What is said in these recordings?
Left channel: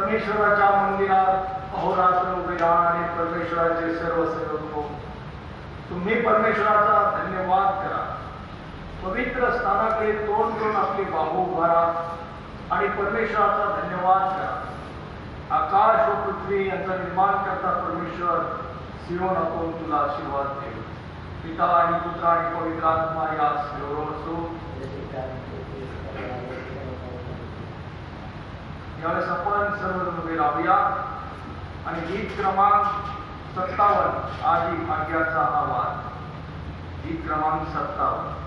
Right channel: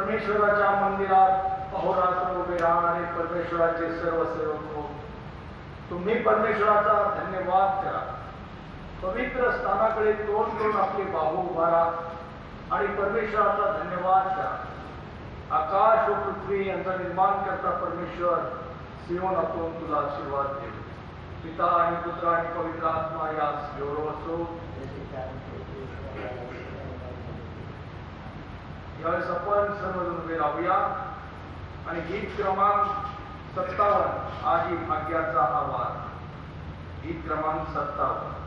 परमेश्वराच्या मंदिरात अहोरात्र उभे राहा आणि परमेश्वराचे सर्व सेवक हो. तुम्ही परमेश्वराचा धन्यवाद करा. पवित्र स्थानाकडे तोंड करून आपली बाहू उभारा आणि परमेश्वराचा धन्यवाद करा. आकाश व पृथ्वी यांचा निर्माण करता परमेश्वर सियोनातून तुला आशीर्वाद देव. पिता आणि पुत्र आणि पवित्र आत्मा यास गौरव असो. यावेळेस आपण सर्वजण उभे राहूया आणि गीत क्रमांक 57 आजी भाग्याचा आवाज. गीत क्रमांक 57.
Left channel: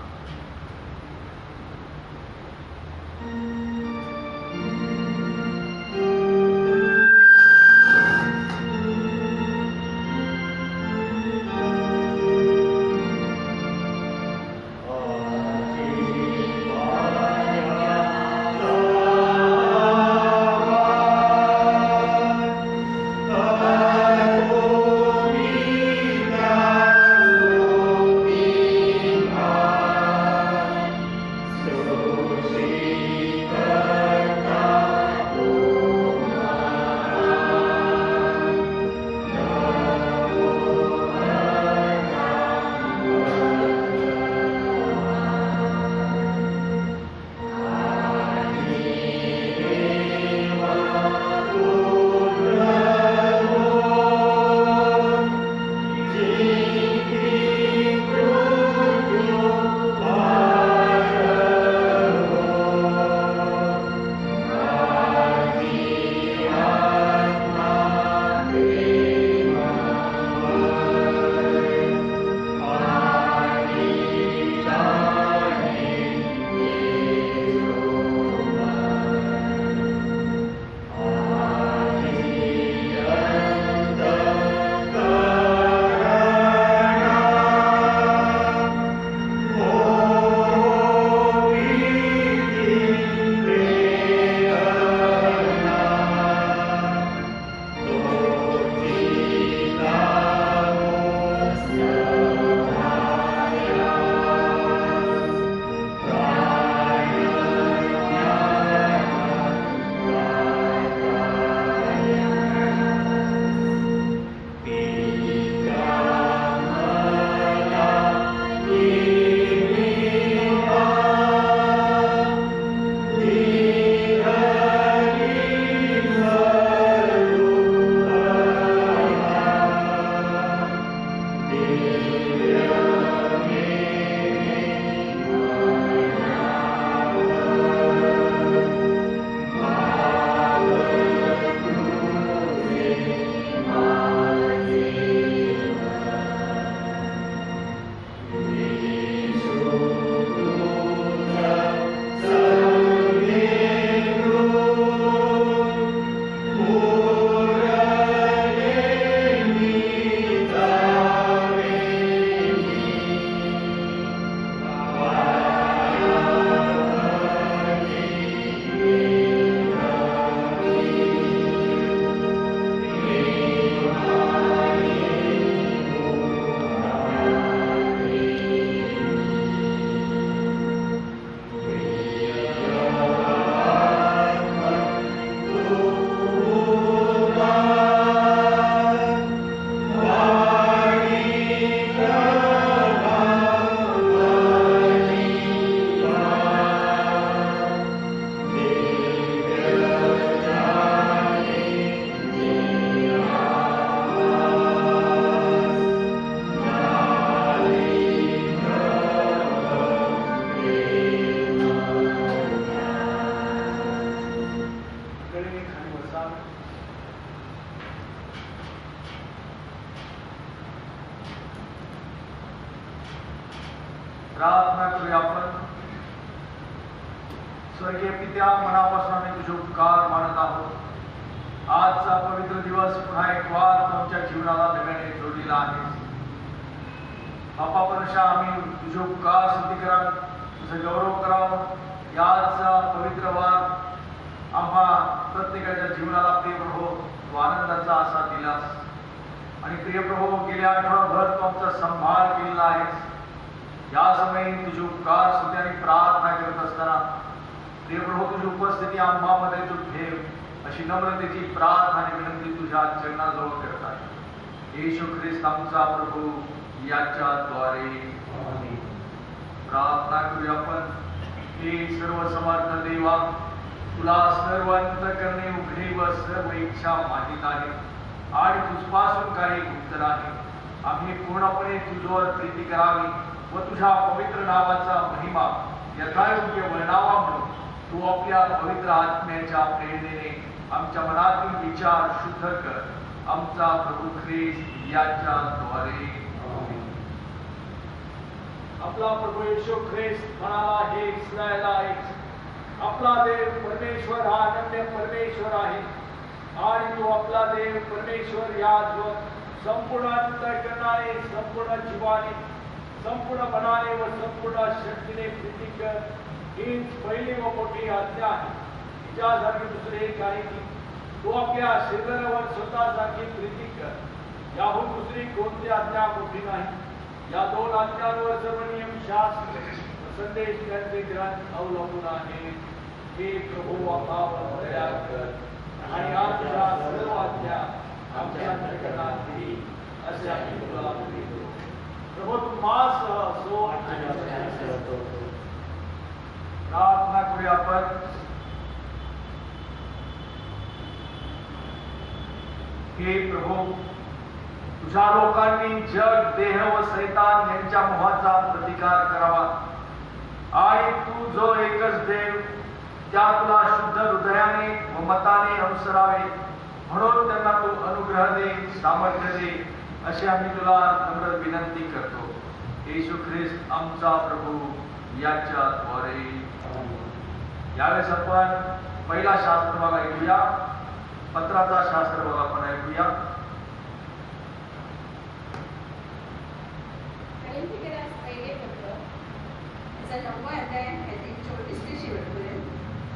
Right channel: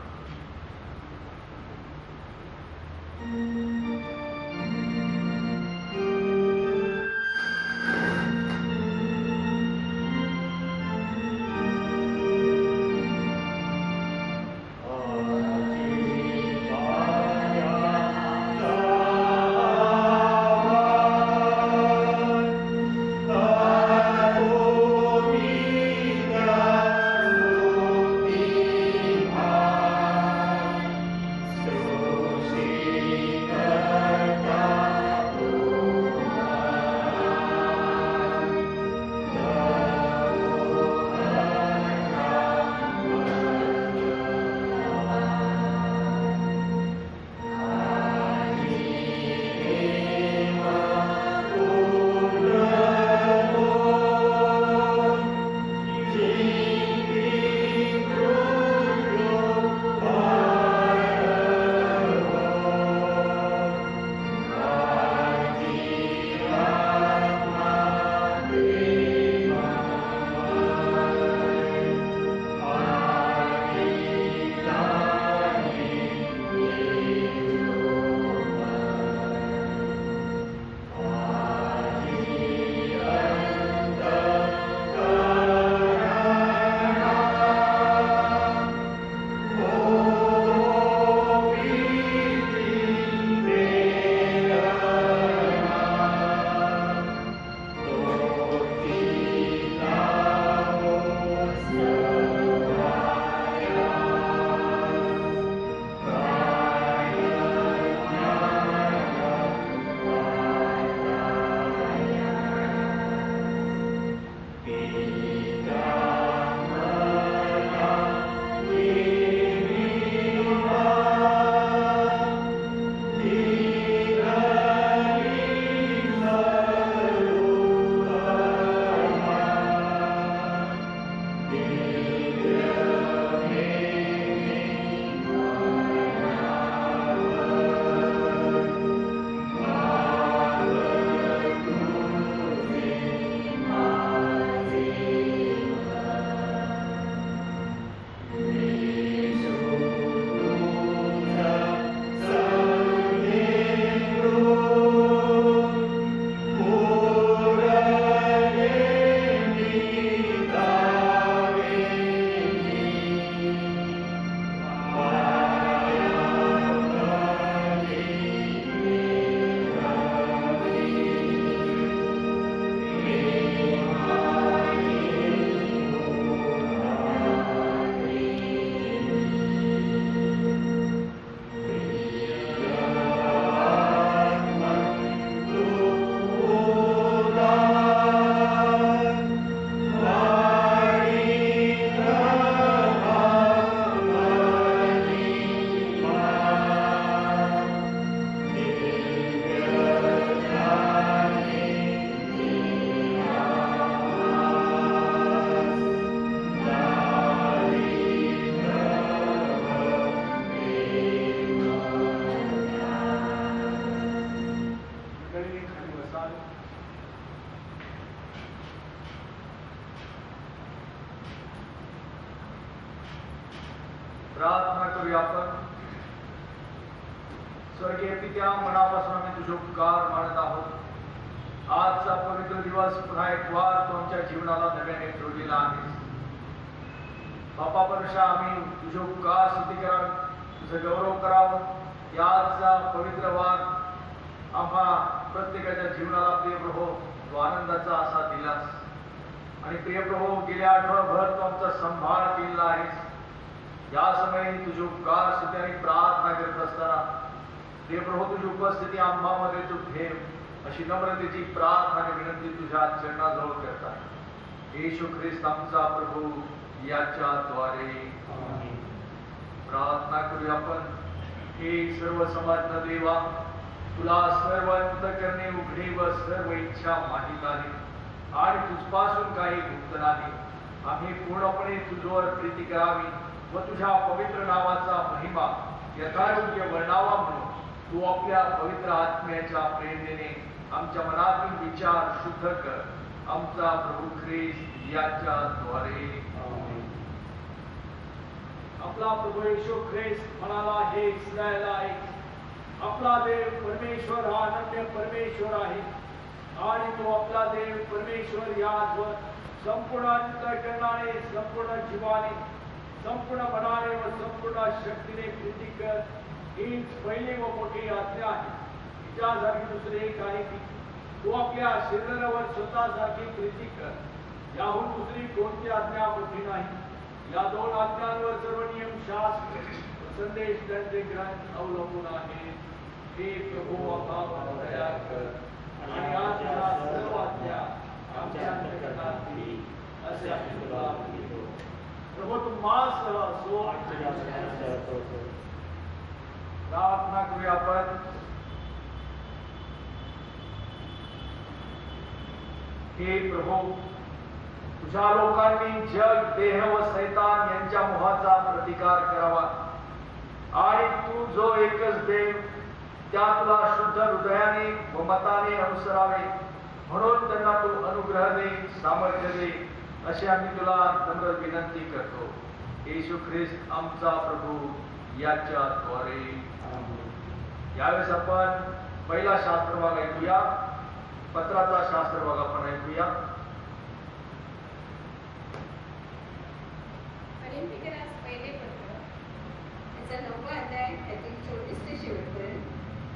प्रार्थना करूया आपण. स्वर्गीय पित्या, मनापासून आम्ही तुझे उपकार मानत आहोत. आजचा पवित्र दिवस पुन्हा एक वार तुमच्या जीवनाला नव्याने जोडलेला आहे. बापा परमेश्वर, आम्ही तुझे उपकार स्तुती कराल, तुझं गौरव करावं. याचा पवित्र वार आम्हा प्रत्येकाच्या जीवनाला प्रिय प्रभू तू आनंदाचा असा दिलास. आणि प्रिय प्रभू, गेल्या आठवडाभर तू आमचा संभाळ केलेला आहेस. या समयी तुझी उपकार स्तुती आणि प्रार्थना करत असताना प्रिय प्रभू, तुझी उपस्थिती आम्हामध्ये तू ठेव. अशी नम्रतेची प्रार्थना आणि विनंती तुझ्या चरणाजवळ करत आहे. येशू ख्रिस्त आमचा प्रभू याच्याद्वारे प्रार्थना करूया आपण. हे सर्व समर्थ देवा, तुला सर्व अंतःकरणे उघडे व सर्व इच्छा माहीत आहे आणि तुझपासून काही गुप्त नाही. आम्ही पूर्णपणे तुझ्यावर प्रीती करावी व तुझ्या पवित्र नावाचा महिमा यथायोग्य वर्णावा म्हणून तू आपल्या पवित्र आत्म्याच्या प्रेरणेने आमच्या मनातील विचार शुद्ध कर. आमचा प्रभू ख्रिस्त याच्याद्वारे. आपला प्रभू येशू ख्रिस्त म्हणाला, हे इस्रायला ऐक, आपला देव परमेश्वर हा अनन्य परमेश्वर आहे आणि तो आपला देव परमेश्वर याचवर संपूर्ण अंतःकरणाने, संपूर्ण जीवाने, संपूर्ण मनाने व संपूर्ण शक्तीने प्रीती कर. हीच पहिली व मोठी आज्ञा आहे. तिच्यासारखी दुसरे काही नाही. तो आपल्या शरीरावर स्वतःसारखी प्रीती कर. याहून दुसरी कोणती आज्ञा मोठी नाही. या दोन आज्ञांवर सर्व नियम, शास्त्र व संदेश त्यांचे ग्रंथ अवलंबून आहे. हे प्रभू आम्हावर दया कर आणि आजच्या सर्व आज्ञा आमच्या अंतःकरणात ठेवी असे आम्ही तुला मागितो. प्रभू तू माझ्यासह असो. प्रार्थना करूया आपण. हे प्रभू, तुझ्या लोकांनी जग, देह व शैतान यांच्या मोहाचा प्रतिकार करावा आणि तू जो एकच देव त्या तुला शुद्ध हृदयाने व मताने अनुसरावे म्हणून त्यांना तू अनुग्रह दे, सामर्थ्य दे अशी आम्ही तुला नम्र विनंती करतो. येशू ख्रिस्त आमचा प्रभू याच्याद्वारे. यावेळेस आपण पहिला शास्त्र भाग ऐकूया. पत्राचा शास्त्र भाग आपण ऐकूया.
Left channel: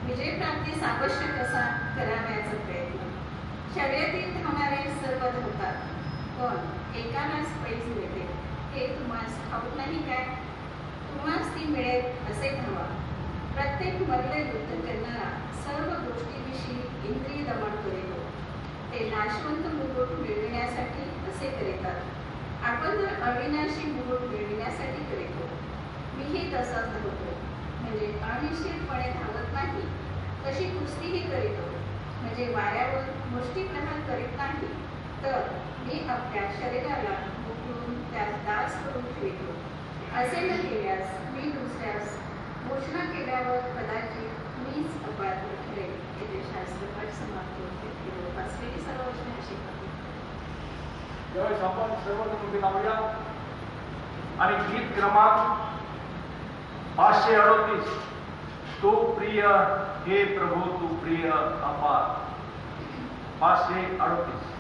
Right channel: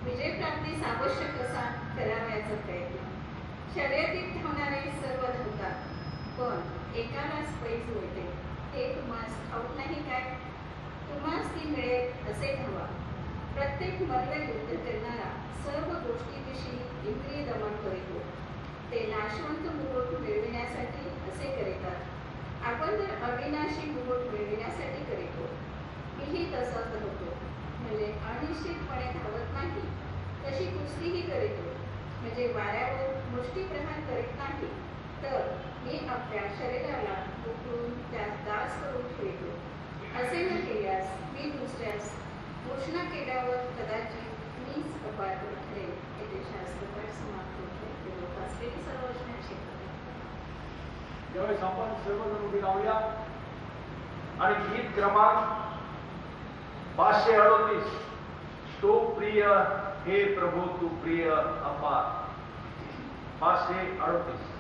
विजय प्राप्तीस आवश्यक असा करावयाचा प्रयत्न. शर्यतीत धावणारे सर्व धावतात, पण एकालाच पैज मिळते हे तुम्हास ठाऊक नाही काय? तुम्हास ती मिळेल असे धावा. प्रत्येक मल्ल युद्ध करणारा सर्व गोष्टीविषयी इंद्रिय दमन करीतो. ते नाशवंत मुकुट मिळविण्यासाठी असे करीतात. आपण जर अविनाशी मुकुट मिळविण्यासाठी करीतो. मीही तसाच धावतो, म्हणजे अनिश्चितपणे धावत नाही, तशी कुस्तीही करीतो, म्हणजे वाऱ्यावर मुष्टी प्रहार करीत नाही, तर मी आपल्या शरीराला उकळून त्यास दास करून ठेवतो. असे न केल्यास मी दुसऱ्यास घोषणा केल्यावर कदाचित मीच अपराधी ठरेल. येथे शास्त्रपाठ समाप्त होते. असलेली सर्व वचने अशी होते. ज्यावेळेस आपण सर्वजण उभे राहूया आणि गीत क्रमांक 538 तो प्रिय हे प्रभू तू प्रिय अपार. 538.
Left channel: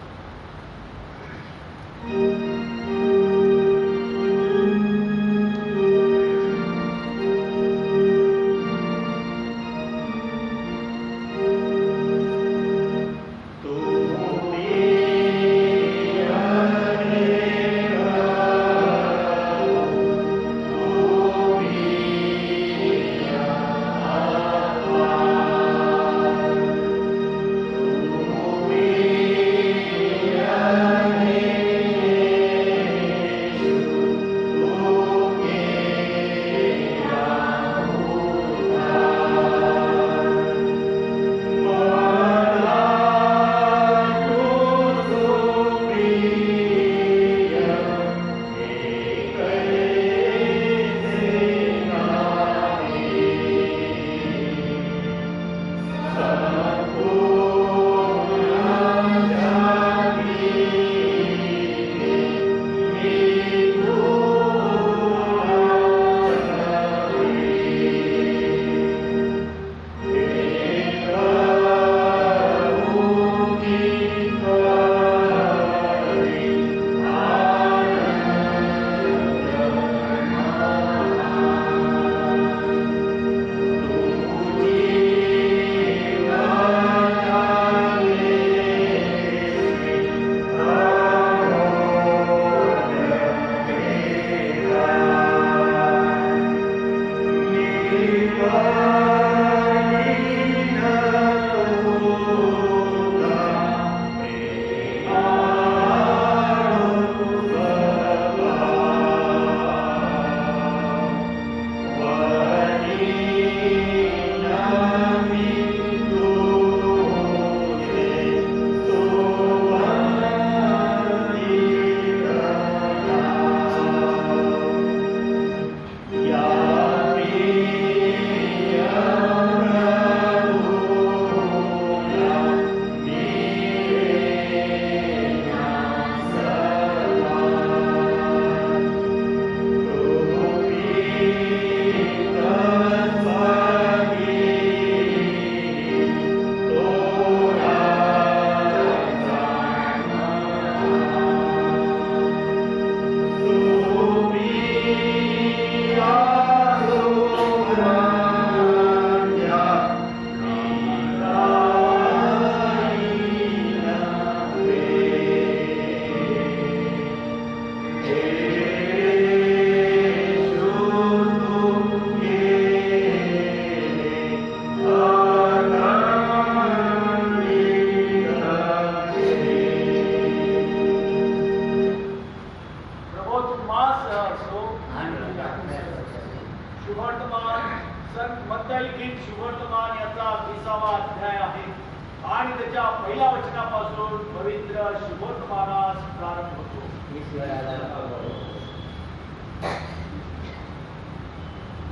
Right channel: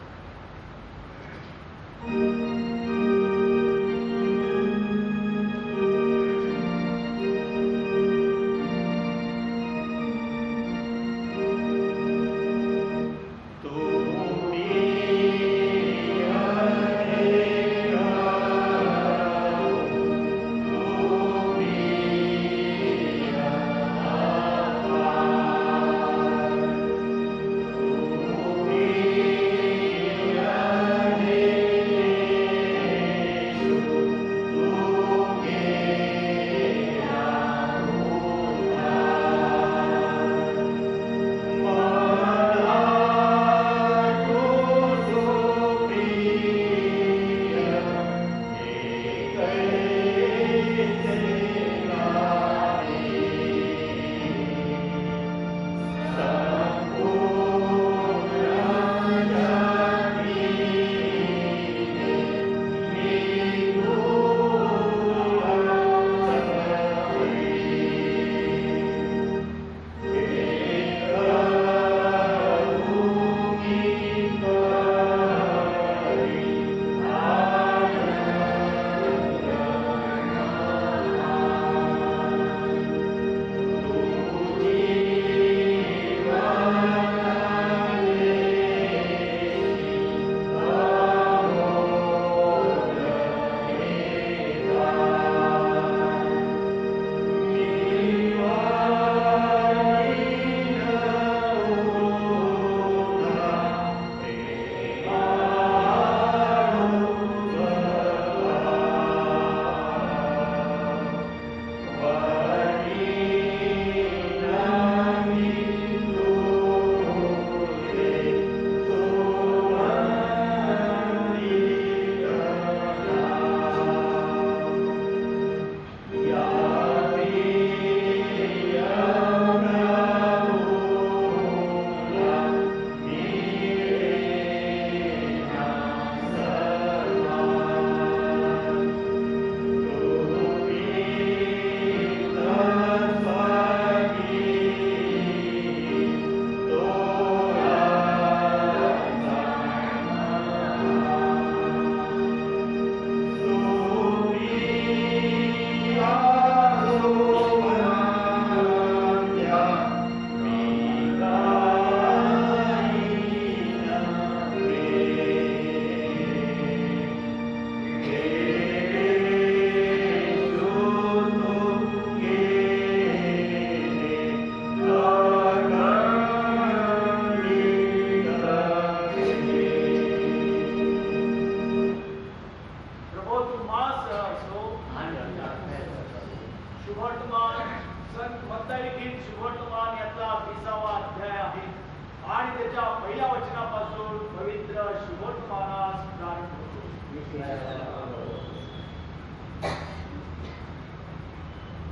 पहिल्या वचनापासून पवित्र शुभोत्मानास प्रारंभ होतो.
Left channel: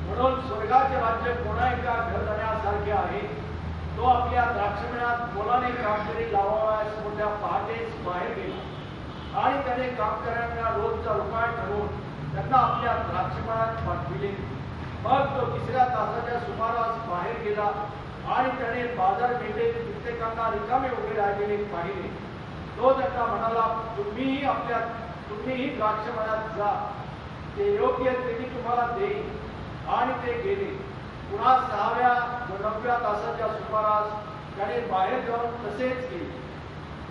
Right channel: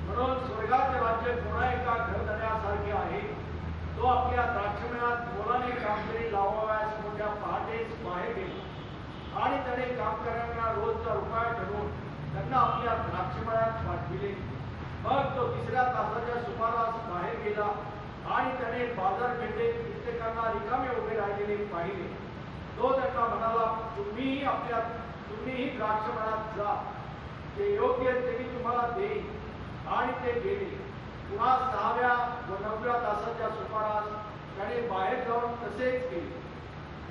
म्हणून स्वर्गाचे राज्य कोणा एका घरधण्यासारखे आहे. तो आपल्या द्राक्षमळ्यात मोलाने कामगिरी लावाव्यास मोठ्या पहाटेच बाहेर गेला आणि त्याने कामकऱ्यांना रोजचा रुपया ठरवून त्यांना आपल्या द्राक्षमळ्यात पाठविले. मग तो तिसऱ्या तासाच्या सुमारास बाहेर गेला आणि त्याने बाजारपेठेत कित्येकांना रिकामे उभे राहिलेले पाहिले. तो त्यांना म्हणाला, तुम्हीही द्राक्षमळ्यात जा, ते योग्य ते मी तुम्हाला देईन. आणि ते गेले. पुन्हा 6व्या व 9व्या तासाच्या सुमारास त्याने बाहेर जाऊन तसेच केले.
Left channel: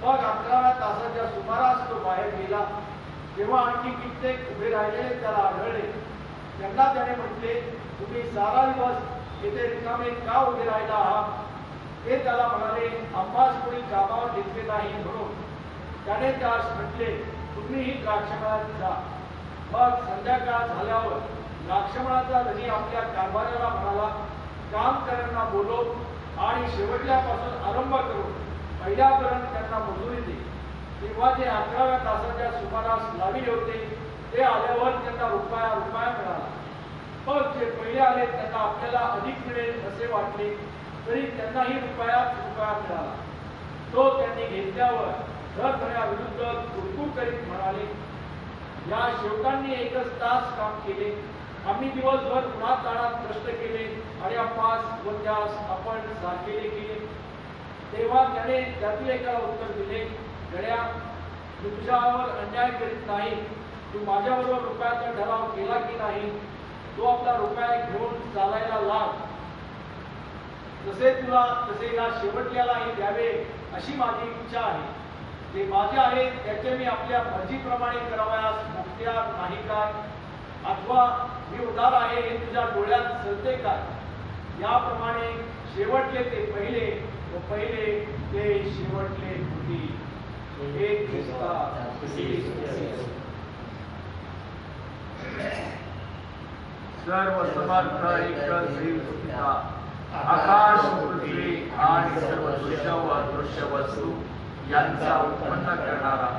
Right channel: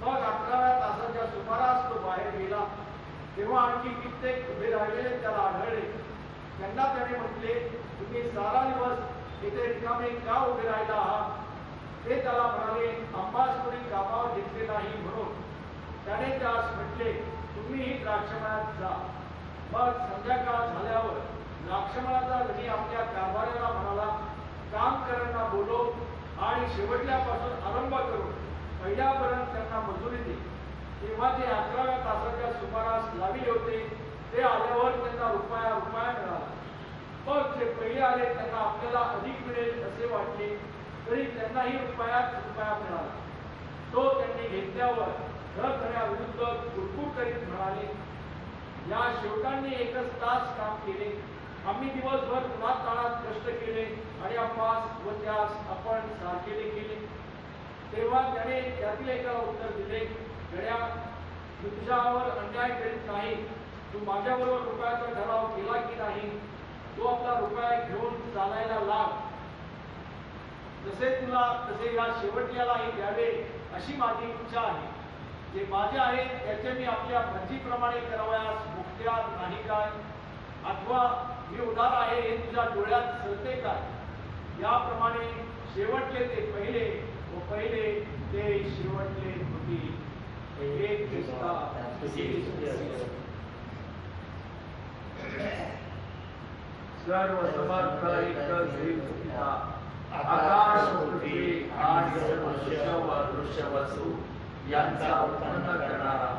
मग 11व्या तासाच्या सुमारास तो बाहेर गेला. तेव्हा आणखी कित्येक उभे राहिलेले त्याला आढळले. त्यांना त्याने म्हटले, तुम्ही सारा दिवस येथे रिकामे का उभे राहिला आहात? ते त्याला म्हणाले, आम्हास कोणी कामावर घेतले नाही म्हणून. त्याने त्यास म्हटले, तुम्हीही द्राक्षमळ्यात जा. मग संध्याकाळ झाल्यावर द्राक्षमळाचा धनी आपल्या कारभाऱ्याला म्हणाला, कामकऱ्यांना बोलव आणि शेवटल्यापासून आरंभ करून पहिल्यापर्यंत त्यांना मजुरी दे. तेव्हा जे 11व्या तासाच्या सुमारास लाविले होते ते आल्यावर त्यांना रुपया मिळाला. मग जे पहिले आले त्यांना आपल्याला अधिक मिळेल असे वाटले, तरी त्यांनाही रुपया मिळाला. तो त्यांनी घेतल्यावर घरधण्याविरुद्ध कुरकुर करीत म्हणाले, या शेवटांनी एकच तास काम केले. आम्ही दिवसभर उन्हातान्हात कष्ट केले आणि आम्हास व त्यास आपण सारखेले केले. तेव्हा त्याने त्यातील एकाला उत्तर दिले, गड्या, मी तुझ्यावर अन्याय करीत नाही. तू माझ्याबरोबर रुपयाचा ठराव केला की नाही? तो आपला रुपया घेऊन चालायला लाग. जसे तुला तसे या शेवटल्यालाही द्यावे अशी माझी इच्छा आहे. जे माझे आहे त्याचे मी आपल्या मर्जीप्रमाणे करावयास मुक्त्यार नाही काय? अथवा मी उदार आहे हे तुझ्या डोळ्यात चलते काय? याप्रमाणे शेवटले ते पहिले व पहिले ते शेवटले होती. एक ख्रिस्ता सर्व समर्थ एकच देव पिता, आकाश पृथ्वी आणि सर्व दृश्य व अदृश्य वस्तू यांचा उत्पन्न करणारा,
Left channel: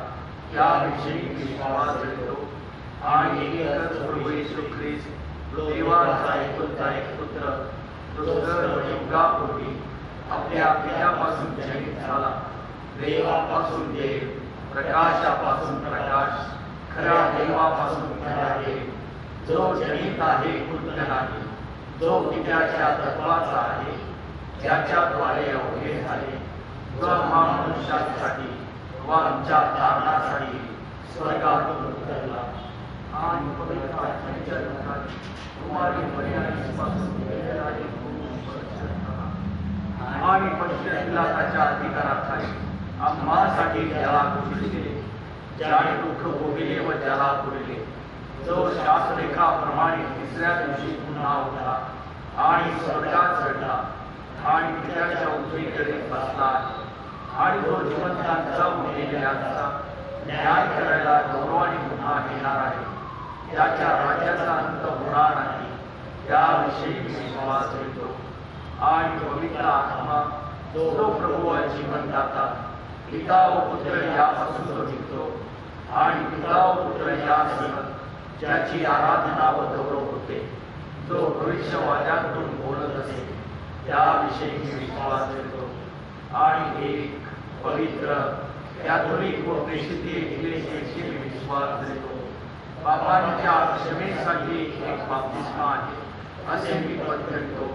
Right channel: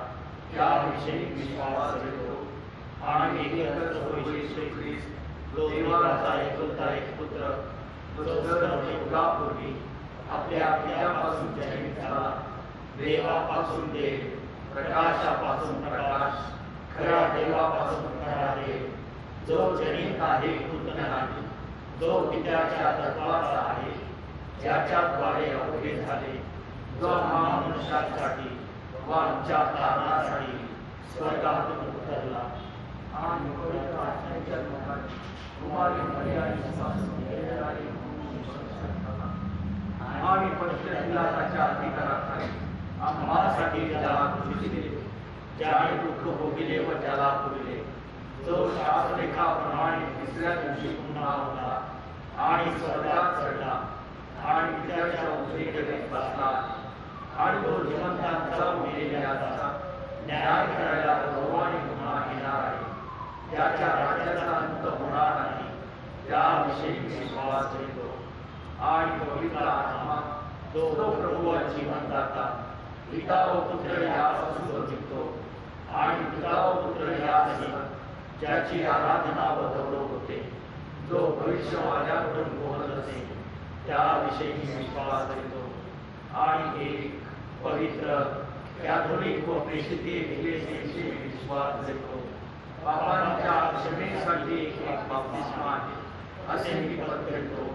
याविषयी विश्वास ठेवतो आणि एकच प्रभू येशू ख्रिस्त देवाचा एकुलता एक पुत्र, जो सर्व युगापूर्वी आपल्या पित्यापासून जन्मित झाला, देवापासून देव, प्रकाशापासून प्रकाश, खऱ्या देवापासून खरा देव, जो जनित आहे पुत्र नाही, जो पित्याच्या तत्वाचा आहे, ज्याच्याद्वारे अवघे झाले व मनुष्यासाठी व आमच्या तारणासाठी स्वर्गातून उतरला आणि पवित्र आत्म्याच्या रूपात कुमारी मरियमेपासून गेलेले आणि पवित्र पिलाताच्या अधिकाराखाली आम्हासाठी त्याला दिले, ज्याने दुःख भोगले व त्याला पुरले, जो शास्त्रलेखाप्रमाणे तिसऱ्या दिवशी पुन्हा उठला आणि स्वर्गात चढला आणि पित्याच्या उजवीकडे बसला आणि तो जिवंतांचा मेलेल्यांचा न्याय करायला गौरवाने पुन्हा येणार आहे. त्याच्या राज्याचा अंत होणार नाही, त्याविषयी विश्वास ठेवतो. आणि पवित्र आत्मा, तो प्रभू व जीवनदाता, पिता व पुत्र यापासून तो निघतो आणि पिता व पुत्र यासह ज्याची आराधना व गौरव होते, जो भविष्यवाण्याकडून बोलत असे, त्याविषयी विश्वास ठेवतो. आणि एक पवित्र कॅथोलिक व प्रेषित इक्लेसियाशी विश्वास ठेवतो. पापांच्या क्षमेसाठी एक बाप्तिस्मा आहे असे मी पत्करतो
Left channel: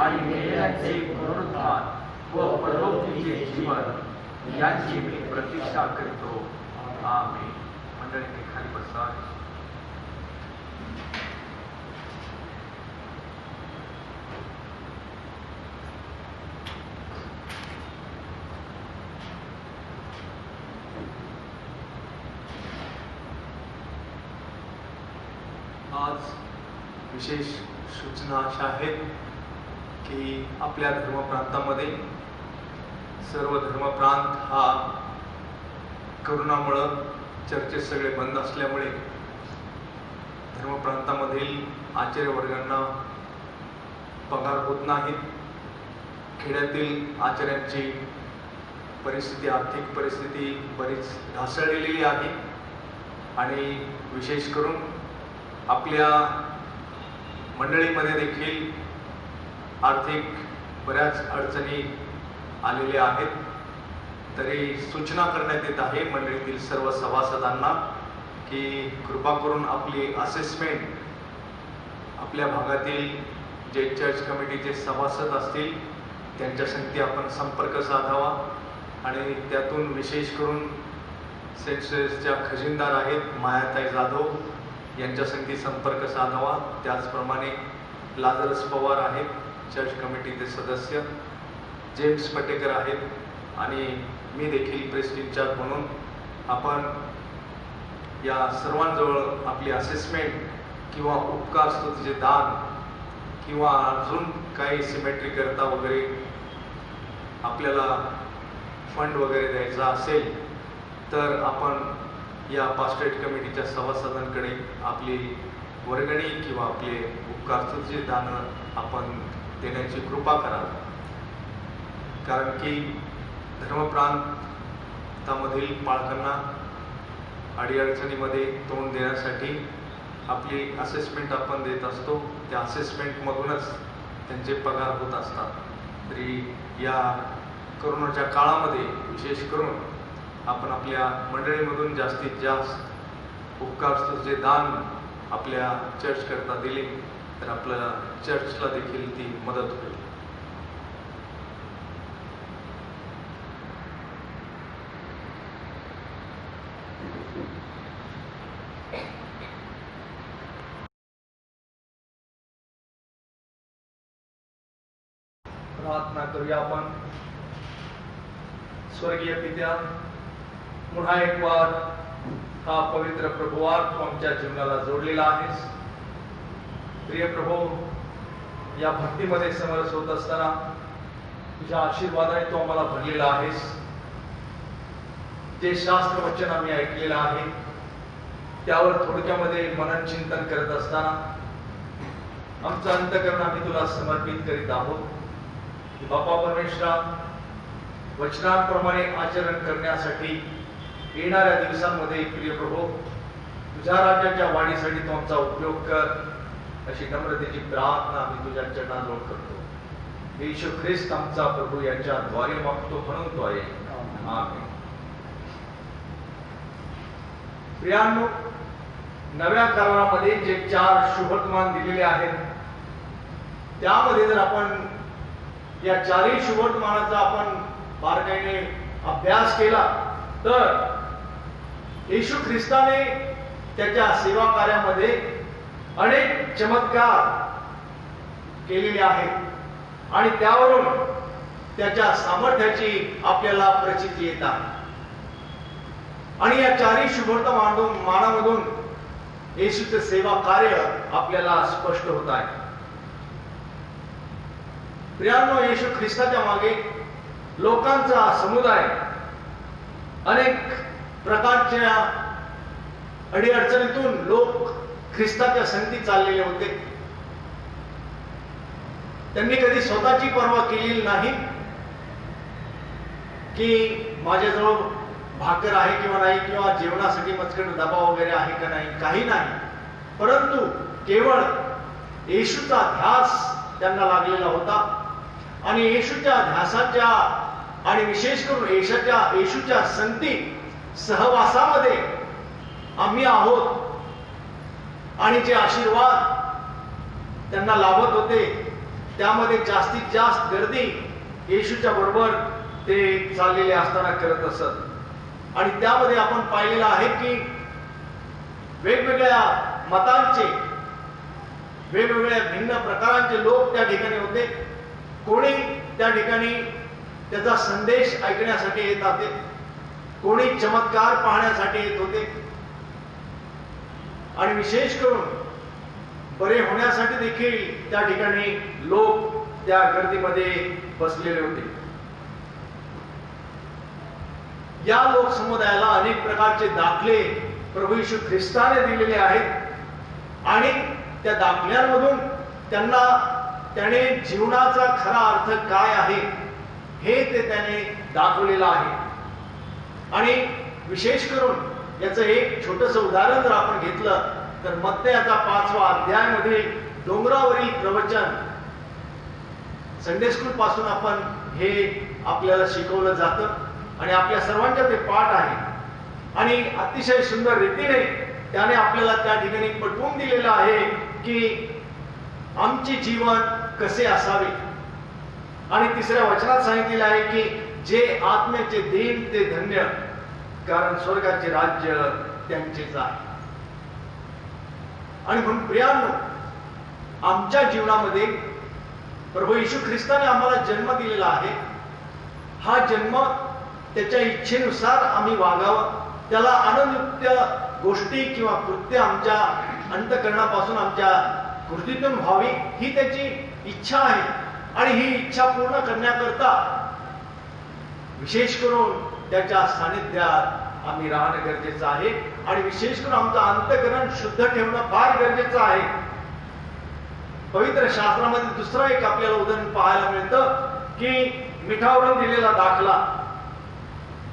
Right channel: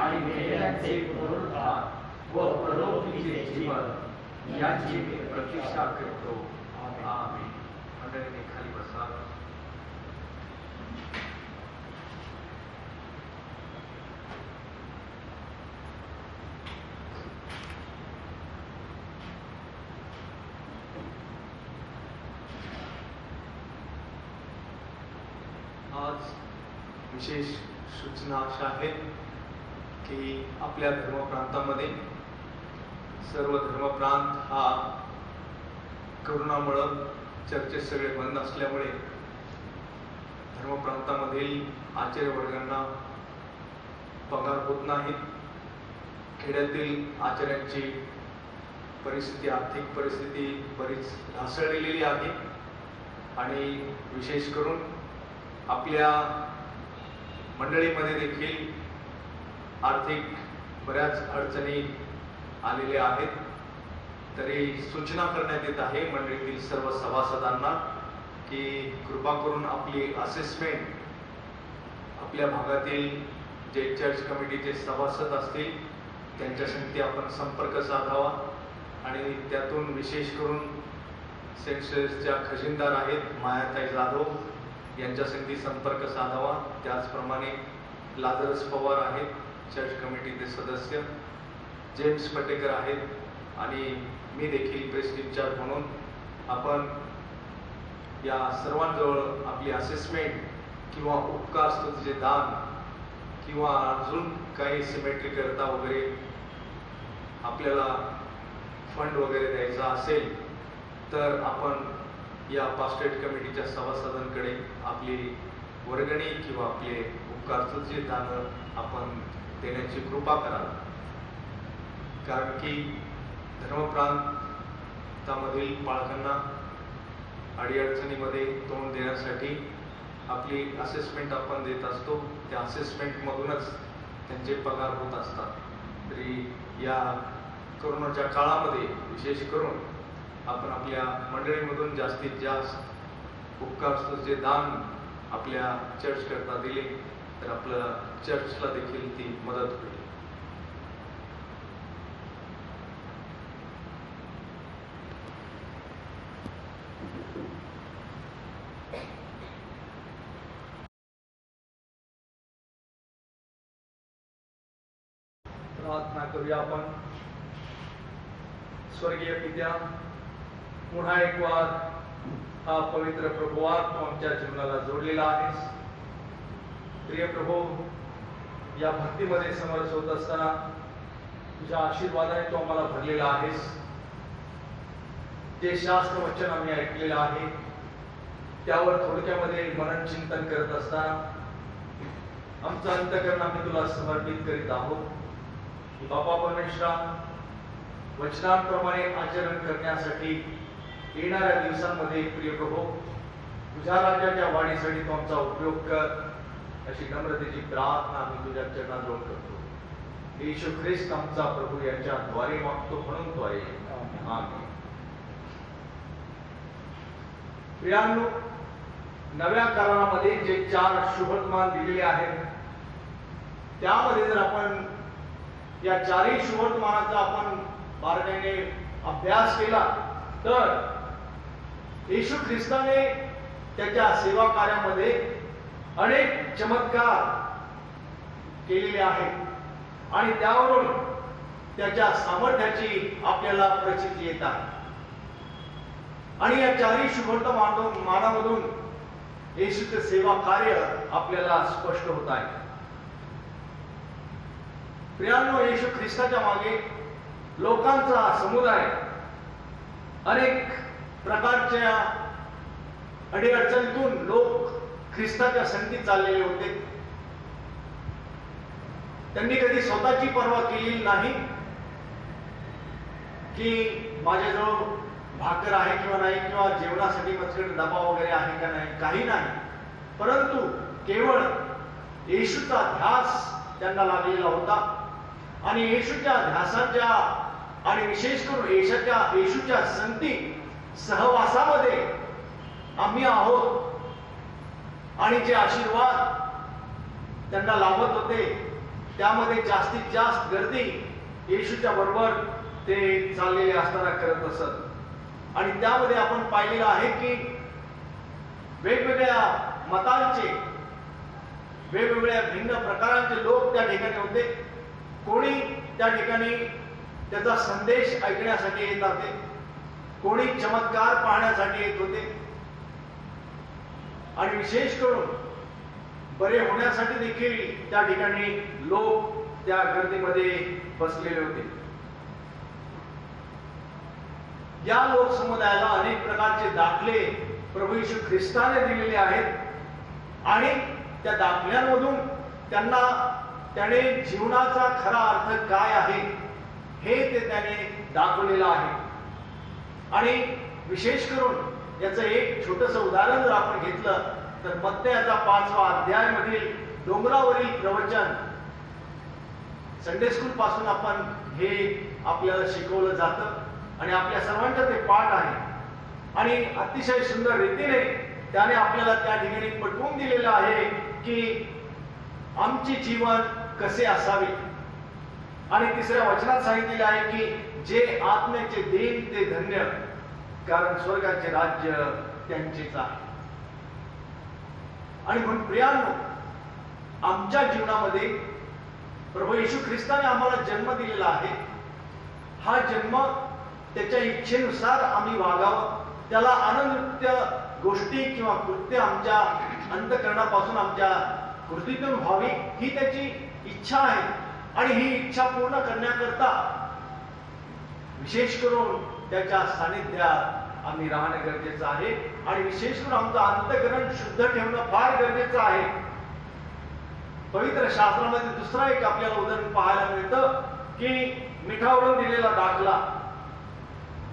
आणि मेलेल्यांचे पुनरुत्थान व परलोकीचे जीवन यांची मी प्रतिष्ठा करतो. आमेन. मंडळींनी खाली बसा. आज विशेष सूचना अशा आहेत की आपल्या धर्मप्रांतामध्ये सर्व धर्मप्रांत हा करोनामुळं चर्चेस सगळे बंद असल्यामुळे धर्मप्रांतामधील आचार्य वर्गांना पगार होत नाहीत. खेड्यातील आचार्यांची परिस्थिती, आर्थिक परिस्थिती बरीच ढासळलेली आहे आणि विशेष करून आपल्या मंडळीमध्ये देखील आर्थिक बऱ्याच अडचणी आलेल्या आहेत. तरी सूचना करण्यात येत आहे मंडळीतील सर्व सभासदांना की कृपा करून आपली असेसमेंट आपल्या भागातील जे चर्च कमिटीचे सभासद असतील त्यांच्या संगती आपण संपर्क साधावा आणि त्यातून विशेष करून सेन्सेसच्या खजिनदार आहेत मायाताई जाधव यांच्या संगती संपर्क साधावा. त्याचप्रमाणे लाजरस पवार आहेत चर्च कमिटीचे सदस्य, जेम्स पटेकर आहेत आणि मी देखील प्रेस इन्चार्ज म्हणून आपण या सर्वांजवळ आपली असेसमेंट किंवा उपकार स्तुतीचे दान किंवा अजून काही सिमेट्री करता वगैरे आपल्याला फंड वगैरे द्यायचा असेल तर आपण या पास्टेट कमिटीच्या सभासदांकडे आपली वर्गणी किंवा आपले उपकार स्तुतीचे दान आपण देण्याची कृपा करा. कारण की धर्मप्रांतामधील बाळकांना अडीअडचणीमध्ये तोंड देण्यासाठी आपली असेसमेंट आपण देत असतो. त्या असेसमेंटमधूनच त्यांचे पगार होत असतात. तरी या कोरोनाच्या काळामध्ये विशेष करून आपण आपल्या मंडळीमधून जास्तीत जास्त उपकार स्तुतीचे दान आपल्या चर्च करता दिले तर आपल्या चर्चला देखील ती मदत होईल. प्रार्थना करूया आपण. स्वर्गीय पित्या, पुन्हा एक वार हा पवित्र प्रभुवार तू आमच्या जीवनाला जोडलेला आहेस. प्रिय प्रभू, या भक्तीमध्ये समरस होत असताना तुझ्या आशीर्वादाने तू आम्हाला भरलेला आहेस. जे शास्त्र वचन आम्ही ऐकलेलं आहे त्यावर थोडक्यामध्ये मनन चिंतन करत असताना आमचं अंतःकरण आम्ही तुला समर्पित करीत आहोत. बापा परमेश्वरा, वचनांप्रमाणे आचरण करण्यासाठी येणाऱ्या दिवसांमध्ये प्रिय प्रभू तुझ्या राज्याच्या वाढीसाठी तू आमचा उपयोग कर अशी नम्रतेची प्रार्थना आम्ही तुझ्या चरणाजवळ करतो. येशू ख्रिस्त आमचा प्रभू यांच्या द्वारे मागतो म्हणून तो आहे. आमेन. प्रियांनो, नव्या करारामध्ये जे 4 शुभवर्तमान दिलेले आहेत त्यामध्ये जर आपण या 4ही शुभवर्तमानाचा आपण बारकाईने अभ्यास केला तर येशू ख्रिस्ताने त्याच्या सेवा कार्यामध्ये अनेक चमत्कार केलेले आहेत आणि त्यावरून त्याच्या सामर्थ्याची आपल्याला प्रचिती येत आहे. आणि या 4ही शुभवर्तमानामधून येशूचे सेवा कार्य आपल्याला स्पष्ट होत आहे. प्रियांनो, येशू ख्रिस्ताच्या मागे लोकांचा समुदाय अनेक प्रकारच्या अडीअडचणीतून लोक ख्रिस्ताच्या संगती चाललेले होते. त्यांनी कधी स्वतःची पर्वा केलेली नाही की माझ्याजवळ भाकर आहे किंवा नाही किंवा जेवणासाठी मजकट डबा वगैरे आहे का नाही, काही नाही. परंतु केवळ येशूचा ध्यास त्यांना लागलेला होता आणि येशूच्या ध्यासाच्या आणि विशेष करून येशूच्या संगती सहवासामध्ये आम्ही आहोत आणि जे आशीर्वाद त्यांना लाभत होते त्यामध्ये जास्तीत जास्त गर्दी येशूच्या बरोबर ते चाललेले असताना करत असत. आणि त्यामध्ये आपण पाहिलेलं आहे की वेगवेगळ्या मतांचे, वेगवेगळ्या भिन्न प्रकारांचे लोक त्या ठिकाणी होते. कोणी त्या ठिकाणी त्याचा संदेश ऐकण्यासाठी येत होते, कोणी चमत्कार पाहण्यासाठी येत होते आणि विशेष करून बरे होण्यासाठी देखील त्या ठिकाणी लोक त्या गर्दीमध्ये बसलेले होते. या लोकसमुदायाला अनेक प्रकारचे दाखले प्रभू येशू ख्रिस्ताने दिलेले आहेत आणि त्या दाखल्यांमधून त्याने जीवनाचा खरा अर्थ काय आहे हे त्याने दाखवलेला आहे. आणि विशेष करून याचं एक छोटस उदाहरण जर आपण घेतलं तर मत्तयाचा 5वा अध्यायामधील डोंगरावरील प्रवचन, संडे स्कूल पासून आपण हे आपल्याला शिकवलं जातं आणि आपल्या सर्वांच्या ते पाठ आहे. आणि अतिशय सुंदर रीतीने त्याने आपल्याला त्या ठिकाणी पटवून दिलेलं आहे की आमचे जीवन कसे असावे. आणि 3ऱ्या वचनात सांगितलेले आहे की जे आत्म्याचे देन ते धन्य, कारण स्वर्गाचे राज्य त्यांचेच आहे. आणि म्हणून प्रियांनो, आमच्या जीवनामध्ये प्रभू येशू ख्रिस्ताने आम्हाला जन्म दिलेला आहे. हा जन्म त्याच्या इच्छेनुसार आम्ही वागावं, त्याला आनंदयुक्त गोष्टी किंवा कृत्य आमच्या अंतःकरणापासून आमच्या कृतीतून व्हावी ही त्याची इच्छा आहे. आणि ही इच्छा पूर्ण करण्याकरता विशेष करून त्याच्या सानिध्यात आम्ही राहणं गरजेचं आहे. आणि विशेष करून आमचं अंतःकरण शुद्ध ठेवणं फार गरजेचं आहे. पवित्र शास्त्रामध्ये दुसरं एक आपल्याला उदाहरण पाहायला मिळतं की मिठावरून दिलेला दाखला.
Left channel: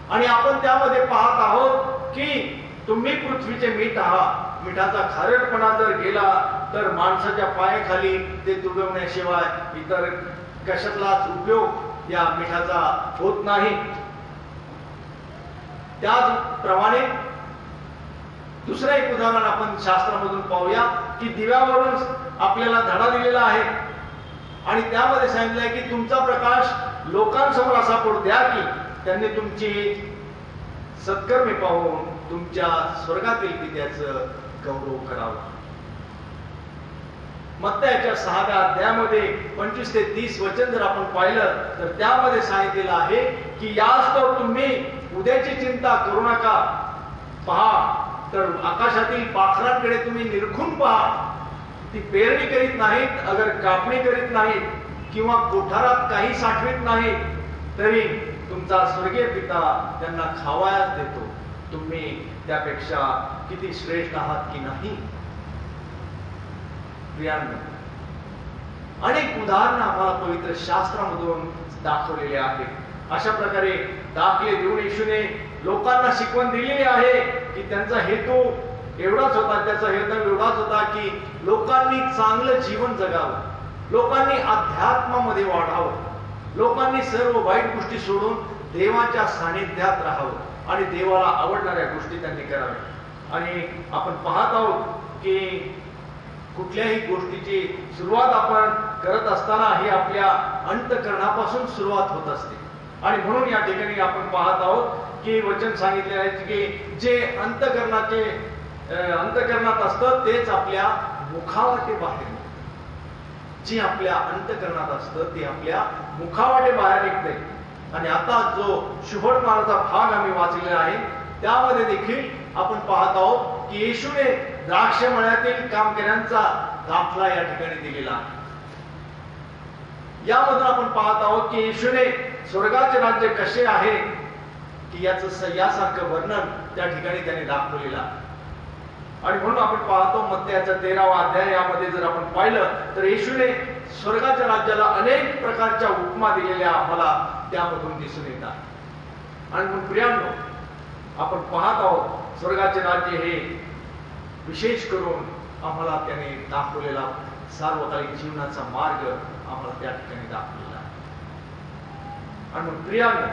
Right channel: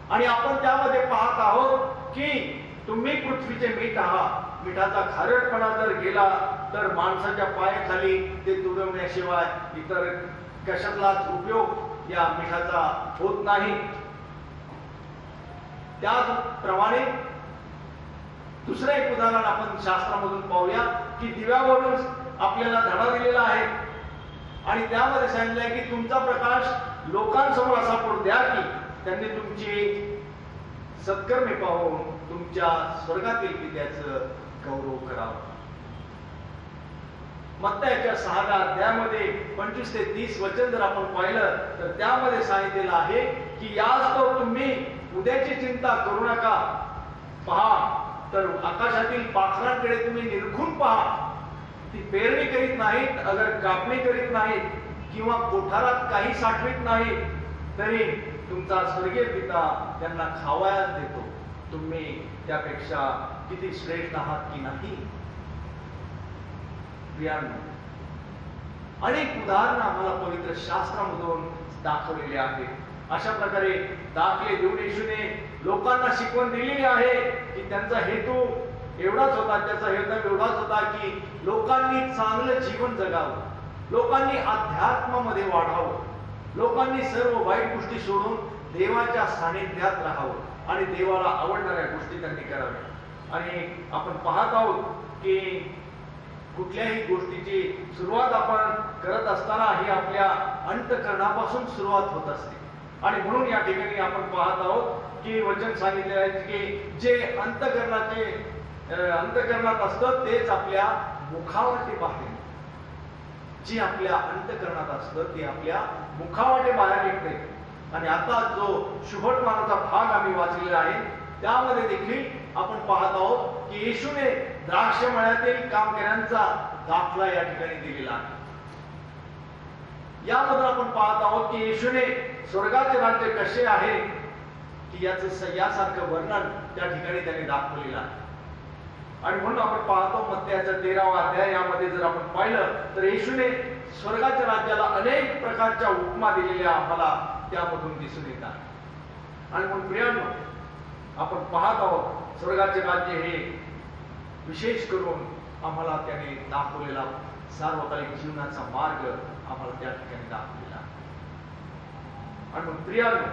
आणि आपण त्यामध्ये पाहत आहोत की तुम्ही पृथ्वीचे मीठ आहात. मिठाचा खारटपणा जर गेला तर माणसाच्या पायाखाली ते तुडवण्याशिवाय इतर कशातलाच उपयोग या मिठाचा होत नाही. त्याचप्रमाणे दुसरं एक उदाहरण आपण शास्त्रामधून पाहूया की दिव्यावरून आपल्याला धडा दिलेला आहे. आणि त्यामध्ये सांगितलं आहे की तुमचा प्रकाश लोकांसमोर असा पडू द्या की त्यांनी तुमची सत्कर्मे पाहून तुमच्या स्वर्गातील पित्याचं गौरव करावं. मत्तयाच्या 6व्या अध्यायामध्ये 25 ते 30 वचन जर आपण पाहिलं तर त्यामध्ये सांगितलेलं आहे की यास्तव तुम्ही उद्याची चिंता करू नका. पहा तर आकाशातील पाखरांकडे तुम्ही निरखून पहा. ती पेरणी करीत नाहीत, अगर कापणी करीत नाहीत किंवा कोठारात काही साठवीत नाहीत, तरी तुमचा स्वर्गीय पिता त्यांना खावयास देतो. तुम्ही त्यापेक्षा किती श्रेष्ठ आहात की नाही. प्रियांनो, अनेक उदाहरणं आम्हाला पवित्र शास्त्रामधून दाखवलेले आहेत. अशा प्रकारे दाखले देऊन येशूने लोकांना शिकवण दिलेली आहे की त्यांचा हेतू एवढाच होता, त्याचा हेतू एवढाच होता की लोकांनी चांगलं जीवन जगावं, लोकांनी अध्यात्मामध्ये वाढावं, लोकांनी सर्व वाईट गोष्टी सोडून देवाच्या सानिध्यात राहावं आणि देवाला आवडणाऱ्या गोष्टी त्यांनी कराव्या. आणि आपण पाहत आहोत की कुठल्याही गोष्टीची सुरुवात आपण करत असताना ही आपल्या अंतःकरणापासून सुरुवात होत असते. आणि म्हणून या ठिकाणी आपण पाहत आहोत की वचन सांगितले आहे की जे अंतःकरणात असतं तेच आपल्या मुखावाटे बाहेर, जे आपल्या अंतःकरणात असतं ते आपल्या मुखावाटे बाहेर निघते. आणि आता जो शुभवर्तमानाचा भाग आम्ही वाचलेला आहे त्यामध्ये देखील आपण पाहत आहोत की येशूने द्राक्ष मळ्यातील कामकऱ्यांचा दाखला या ठिकाणी दिलेला आहे. यामधून आपण पाहत आहोत की येशूने स्वर्गाचे राज्य कसे आहे की यासारखं वर्णन त्या ठिकाणी त्याने दाखवलेलं आहे. आणि म्हणून आपण पाहतो मत्तयाचा 13वा अध्याय यामध्ये जर आपण पाहिलं तर येशूने स्वर्गाच्या राज्याला अनेक प्रकारच्या उपमा दिलेल्या आम्हाला त्यामधून दिसून येतात. आणि म्हणून प्रियांनो, आपण पाहत आहोत स्वर्गाचे राज्य हे विशेष करून आम्हाला त्याने दाखवलेला सार्वकालिक जीवनाचा मार्ग आम्हाला त्या ठिकाणी दाखवलेला आहे. आणि म्हणून प्रियांनो,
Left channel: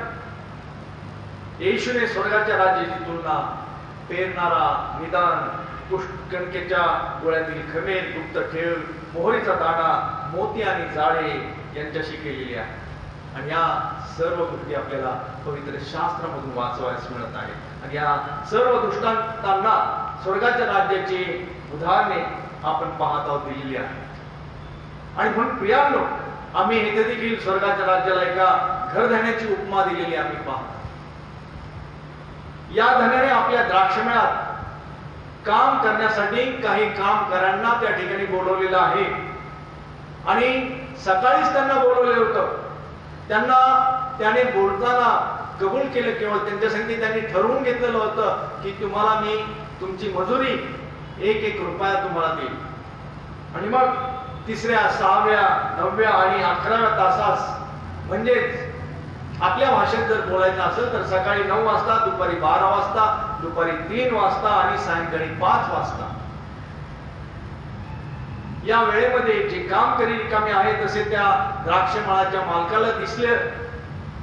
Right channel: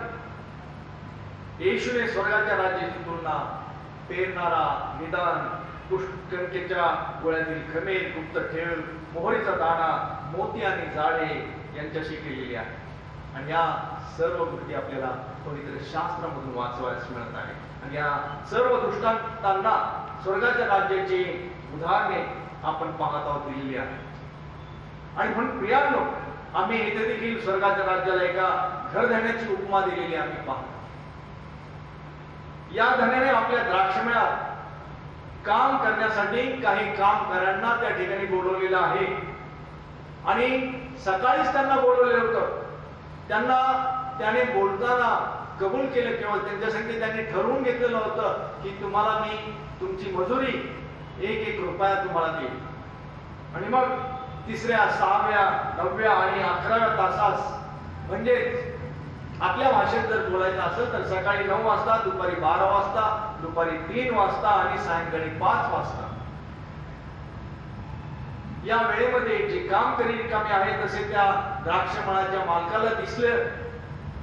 येशूने स्वर्गाच्या राज्याची तुलना पेरणारा, निदान, कणकेच्या गोळ्यातील खमेर, गुप्त ठेव, मोहरीचा दाणा, मोती आणि जाळे यांच्याशी केलेली आहे. आणि या सर्व गोष्टी आपल्याला पवित्र शास्त्रामधून वाचवायला मिळत आहे. आणि या सर्व दृष्टांतांना स्वर्गाच्या राज्याची उदाहरणे आपण पाहत आहोत दिलेली आहे. आणि म्हणून प्रियांनो, आम्ही इथे देखील स्वर्गाच्या राज्याला एका घरधण्याची उपमा दिलेली आम्ही पाहतो. या धन्याने आपल्या द्राक्षमळ्यात काम करण्यासाठी काही कामगारांना त्या ठिकाणी बोलवलेलं आहे. आणि सकाळीच त्यांना बोलवलेलं होतं. त्यांना त्याने बोलताना कबूल केलं, केवळ त्यांच्यासाठी त्यांनी ठरवून घेतलेलं होतं की तुम्हाला मी तुमची मजुरी 1-1 रुपया तुम्हाला देईल. आणि मग 3ऱ्या, 6व्या, 9व्या आणि 11व्या तासास म्हणजेच आपल्या भाषेत जर बोलायचं असेल तर सकाळी 9 वाजता, दुपारी 12 वाजता, दुपारी 3 वाजता आणि सायंकाळी 5 वाजता या वेळेमध्ये जे काम करी रिकामे आहे तसे त्या द्राक्षमळाच्या मालकाला दिसले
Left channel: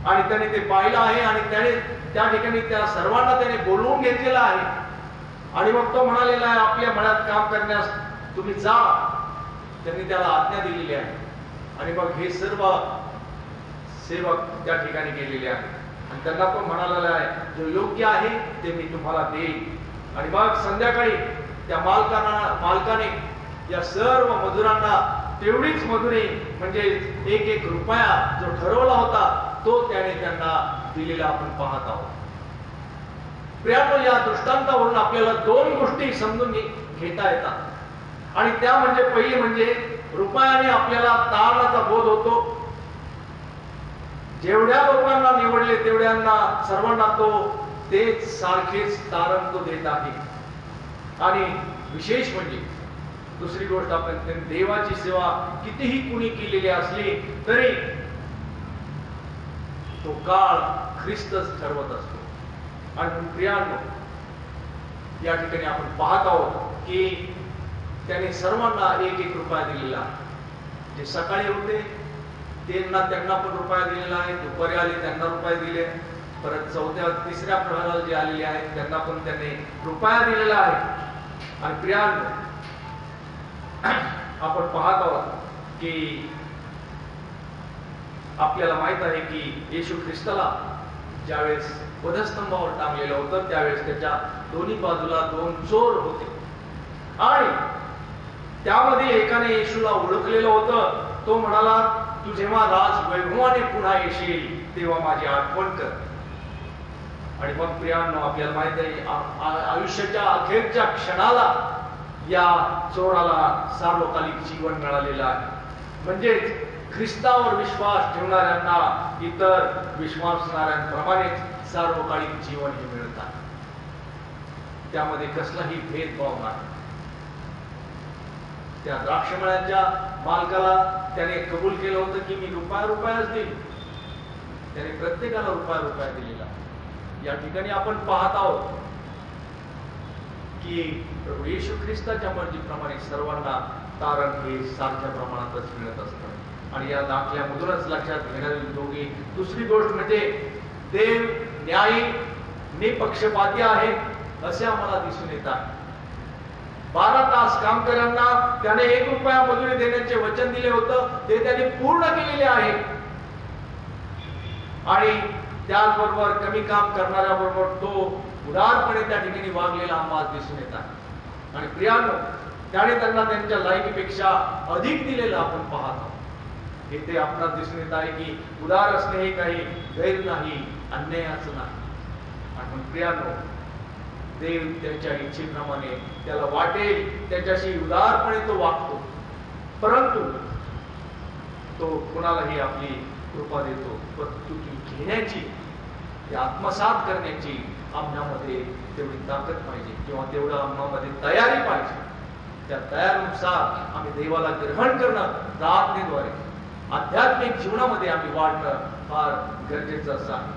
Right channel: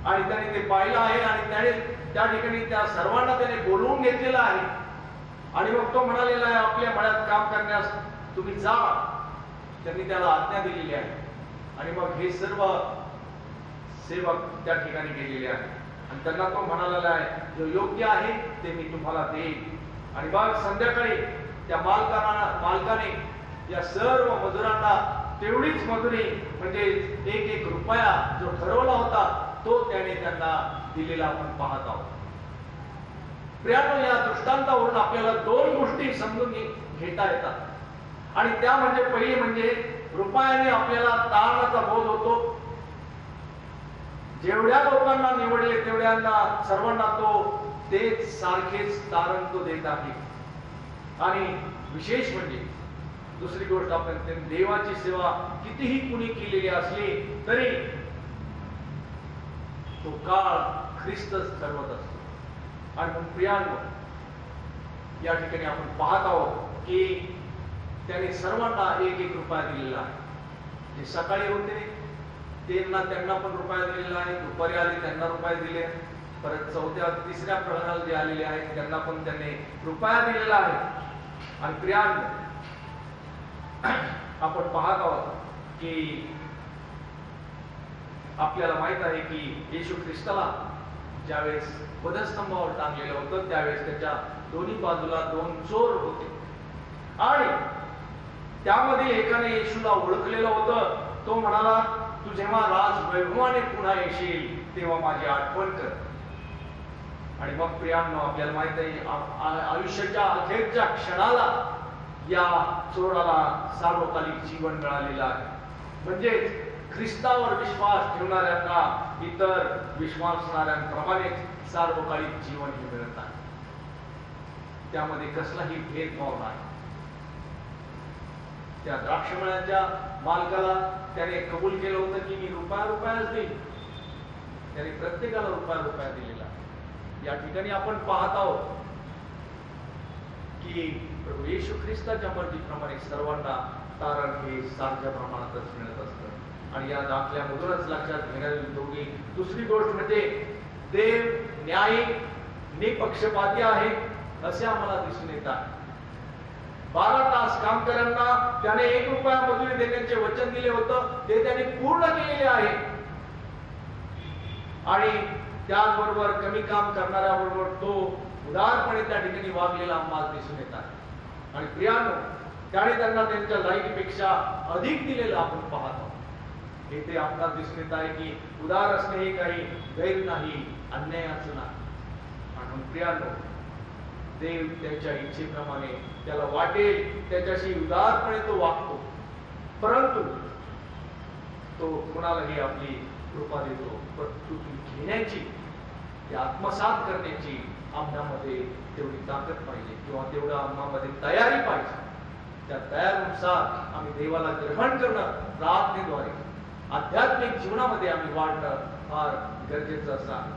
आणि त्याने ते पाहिलं आहे आणि त्याने त्या ठिकाणी त्या सर्वांना त्याने बोलवून घेतलेला आहे आणि मग तो म्हणालेला आहे आपल्या मळ्यात काम करण्यास तुम्ही जा. त्यांनी त्याला आज्ञा दिलेली आहे आणि मग हे सर्व सेवक त्या ठिकाणी गेलेले आहेत आणि त्यांना पण म्हणालेला आहे जो योग्य आहे ते मी तुम्हाला देईन. आणि मग संध्याकाळी त्या मालकाने या सर्व मजुरांना तेवढीच मजुरी म्हणजे 1 रुपया जो ठरवला होता तो त्याने त्यांना दिलेला आपण पाहत आहोत. प्रियानो, या दृष्टांतावरून आपल्याला 2 गोष्टी समजून घेता येतात आणि त्या म्हणजे पहिली म्हणजे रुपयाने आपल्याला तारणाचा बोध होतो. जेवढ्या लोकांना निवडले तेवढ्यांना सर्वांना तो तेच सारखेच तारण तो देत आहे. आणि विशेष म्हणजे दुसरी गोष्ट आपण देवाची सेवा कितीही कुणी केलेली असली तरी तो काळ ख्रिस्तच ठरवत असतो. आणि प्रियांनो, या ठिकाणी आपण पाहत आहोत की त्याने सर्वांना 1 रुपया दिलेला आहे. जे सकाळी होते त्यांना पण रुपया दिलेला आहे, दुपारी आले त्यांना रुपये दिले, परत 4थ्या 3ऱ्या प्रहराला जे आलेले आहेत त्यांना पण त्याने रुपया दिलेला आहे. आणि प्रियांनो, आपण पाहत आहोत की आपल्याला माहित आहे की येशू ख्रिस्ताला ज्यावेळेस वधस्तंभावर टांगलेलं होतं त्यावेळेस त्याच्या दोन्ही बाजूला 2 चोर होते आणि त्यामध्ये एकाने येशूला ओळखलेलं होतं. तो म्हणाला, तू जेव्हा राज वैभवाने पुन्हा येशील तेव्हा माझी आठवण कर. आणि मग प्रियांनो, आपल्याला माहित आहे आयुष्याच्या अखेरच्या क्षणाला या चोराला सार्वकालिक जीवन मिळालेलं आहे. म्हणजेच ख्रिस्तावर विश्वास ठेवणाऱ्यांना इतर विश्वासणाऱ्यांप्रमाणेच सार्वकालिक जीवन हे मिळत आहे. त्यामध्ये कसलाही भेदभाव नाही. त्या द्राक्षमळ्याच्या मालकाला त्याने कबूल केलं होतं की मी रुपयाच देईन. त्याने प्रत्येकाला रुपया दिलेला. या ठिकाणी आपण पाहत आहोत की प्रभू येशू ख्रिस्ताच्या मर्जीप्रमाणे सर्वांना तारण हे सारख्या प्रमाणातच मिळत असतं. आणि या दाखल्यामधूनच लक्षात घेण्याजोगी दुसरी गोष्ट म्हणजे देव न्यायी निपक्षपाती आहे असे आम्हाला दिसून येत आहे. 12 तास कामकऱ्यांना त्याने 1 रुपया मजुरी देण्याचे वचन दिले होतं ते त्यांनी पूर्ण केलेले आहे. आणि त्याचबरोबर कमी काम करणाऱ्याबरोबर तो उदारपणे त्या ठिकाणी वागलेला आम्हाला दिसून येत आहे. आणि प्रियांनो, त्याने त्यांना त्यांच्या लायकीपेक्षा अधिक दिलेलं आपण पाहतो. इथे आपणास दिसून येत आहे की उदार असणे हे काही गैर नाही, अन्यायाचं नाही. आणि प्रियांनो, देव त्यांच्या इच्छेप्रमाणे त्याला वाटेल त्याच्याशी उदारपणे तो वागतो, परंतु तो कुणालाही आपली कृपा देतो. परंतु ती घेण्याची, ती आत्मसात करण्याची आमच्यामध्ये तेवढी ताकद पाहिजे किंवा तेवढं आमच्यामध्ये तयारी पाहिजे. त्या तयारीनुसार आम्ही देवाला ग्रहण करणं, प्रार्थनेद्वारे आध्यात्मिक जीवनामध्ये आम्ही वाढणं फार गरजेचं असं आहे.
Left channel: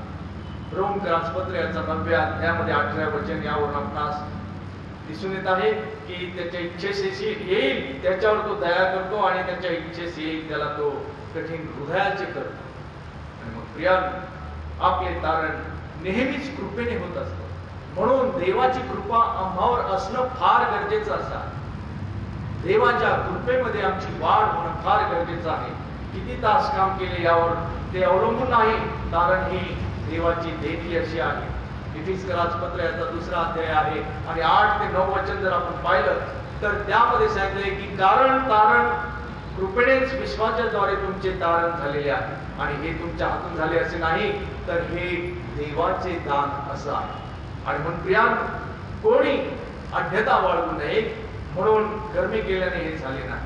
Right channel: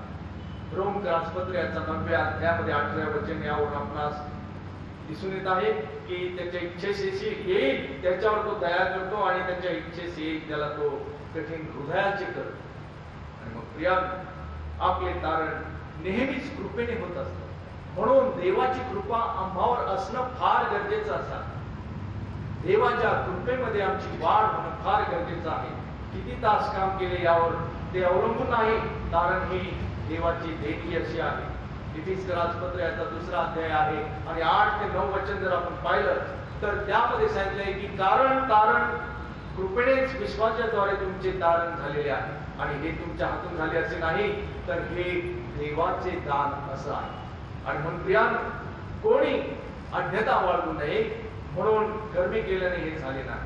रोमकरासपत्र याचा 9व्या अध्यायामध्ये 8व्या वचन यावरून आपणास दिसून येत आहे की त्याच्या इच्छेशी येईल त्याच्यावर तो दया करतो आणि त्याच्या इच्छेशी येईल त्याला तो कठीण हृदयाचे करतो. आणि मग प्रियांनो, आपले तारण नेहमीच कृपेने होत असतं. म्हणून देवाची कृपा आम्हावर असणं फार गरजेचं असं आहे. देवाच्या कृपेमध्ये आमची वाढ होणं फार गरजेचं आहे. किती तास काम केले यावर ते अवलंबून नाही, कारण ही देवाची देणगी अशी आहे. इफिसकरासपत्र याचा 2रा अध्याय आहे आणि 8 ते 9 वचन जर आपण पाहिलं तर त्यामध्ये सांगितलंय की कारण तारण कृपेनेच विश्वासाद्वारे तुमचे तारण झालेले आहे आणि हे तुमच्या हातून झाले असे नाही, तर हे देवाचे दान असं आहे. आणि म्हणून प्रियांनो, कोणी अज्ञता बाळगू नये म्हणून कर्मे केल्याने हे झाले नाही.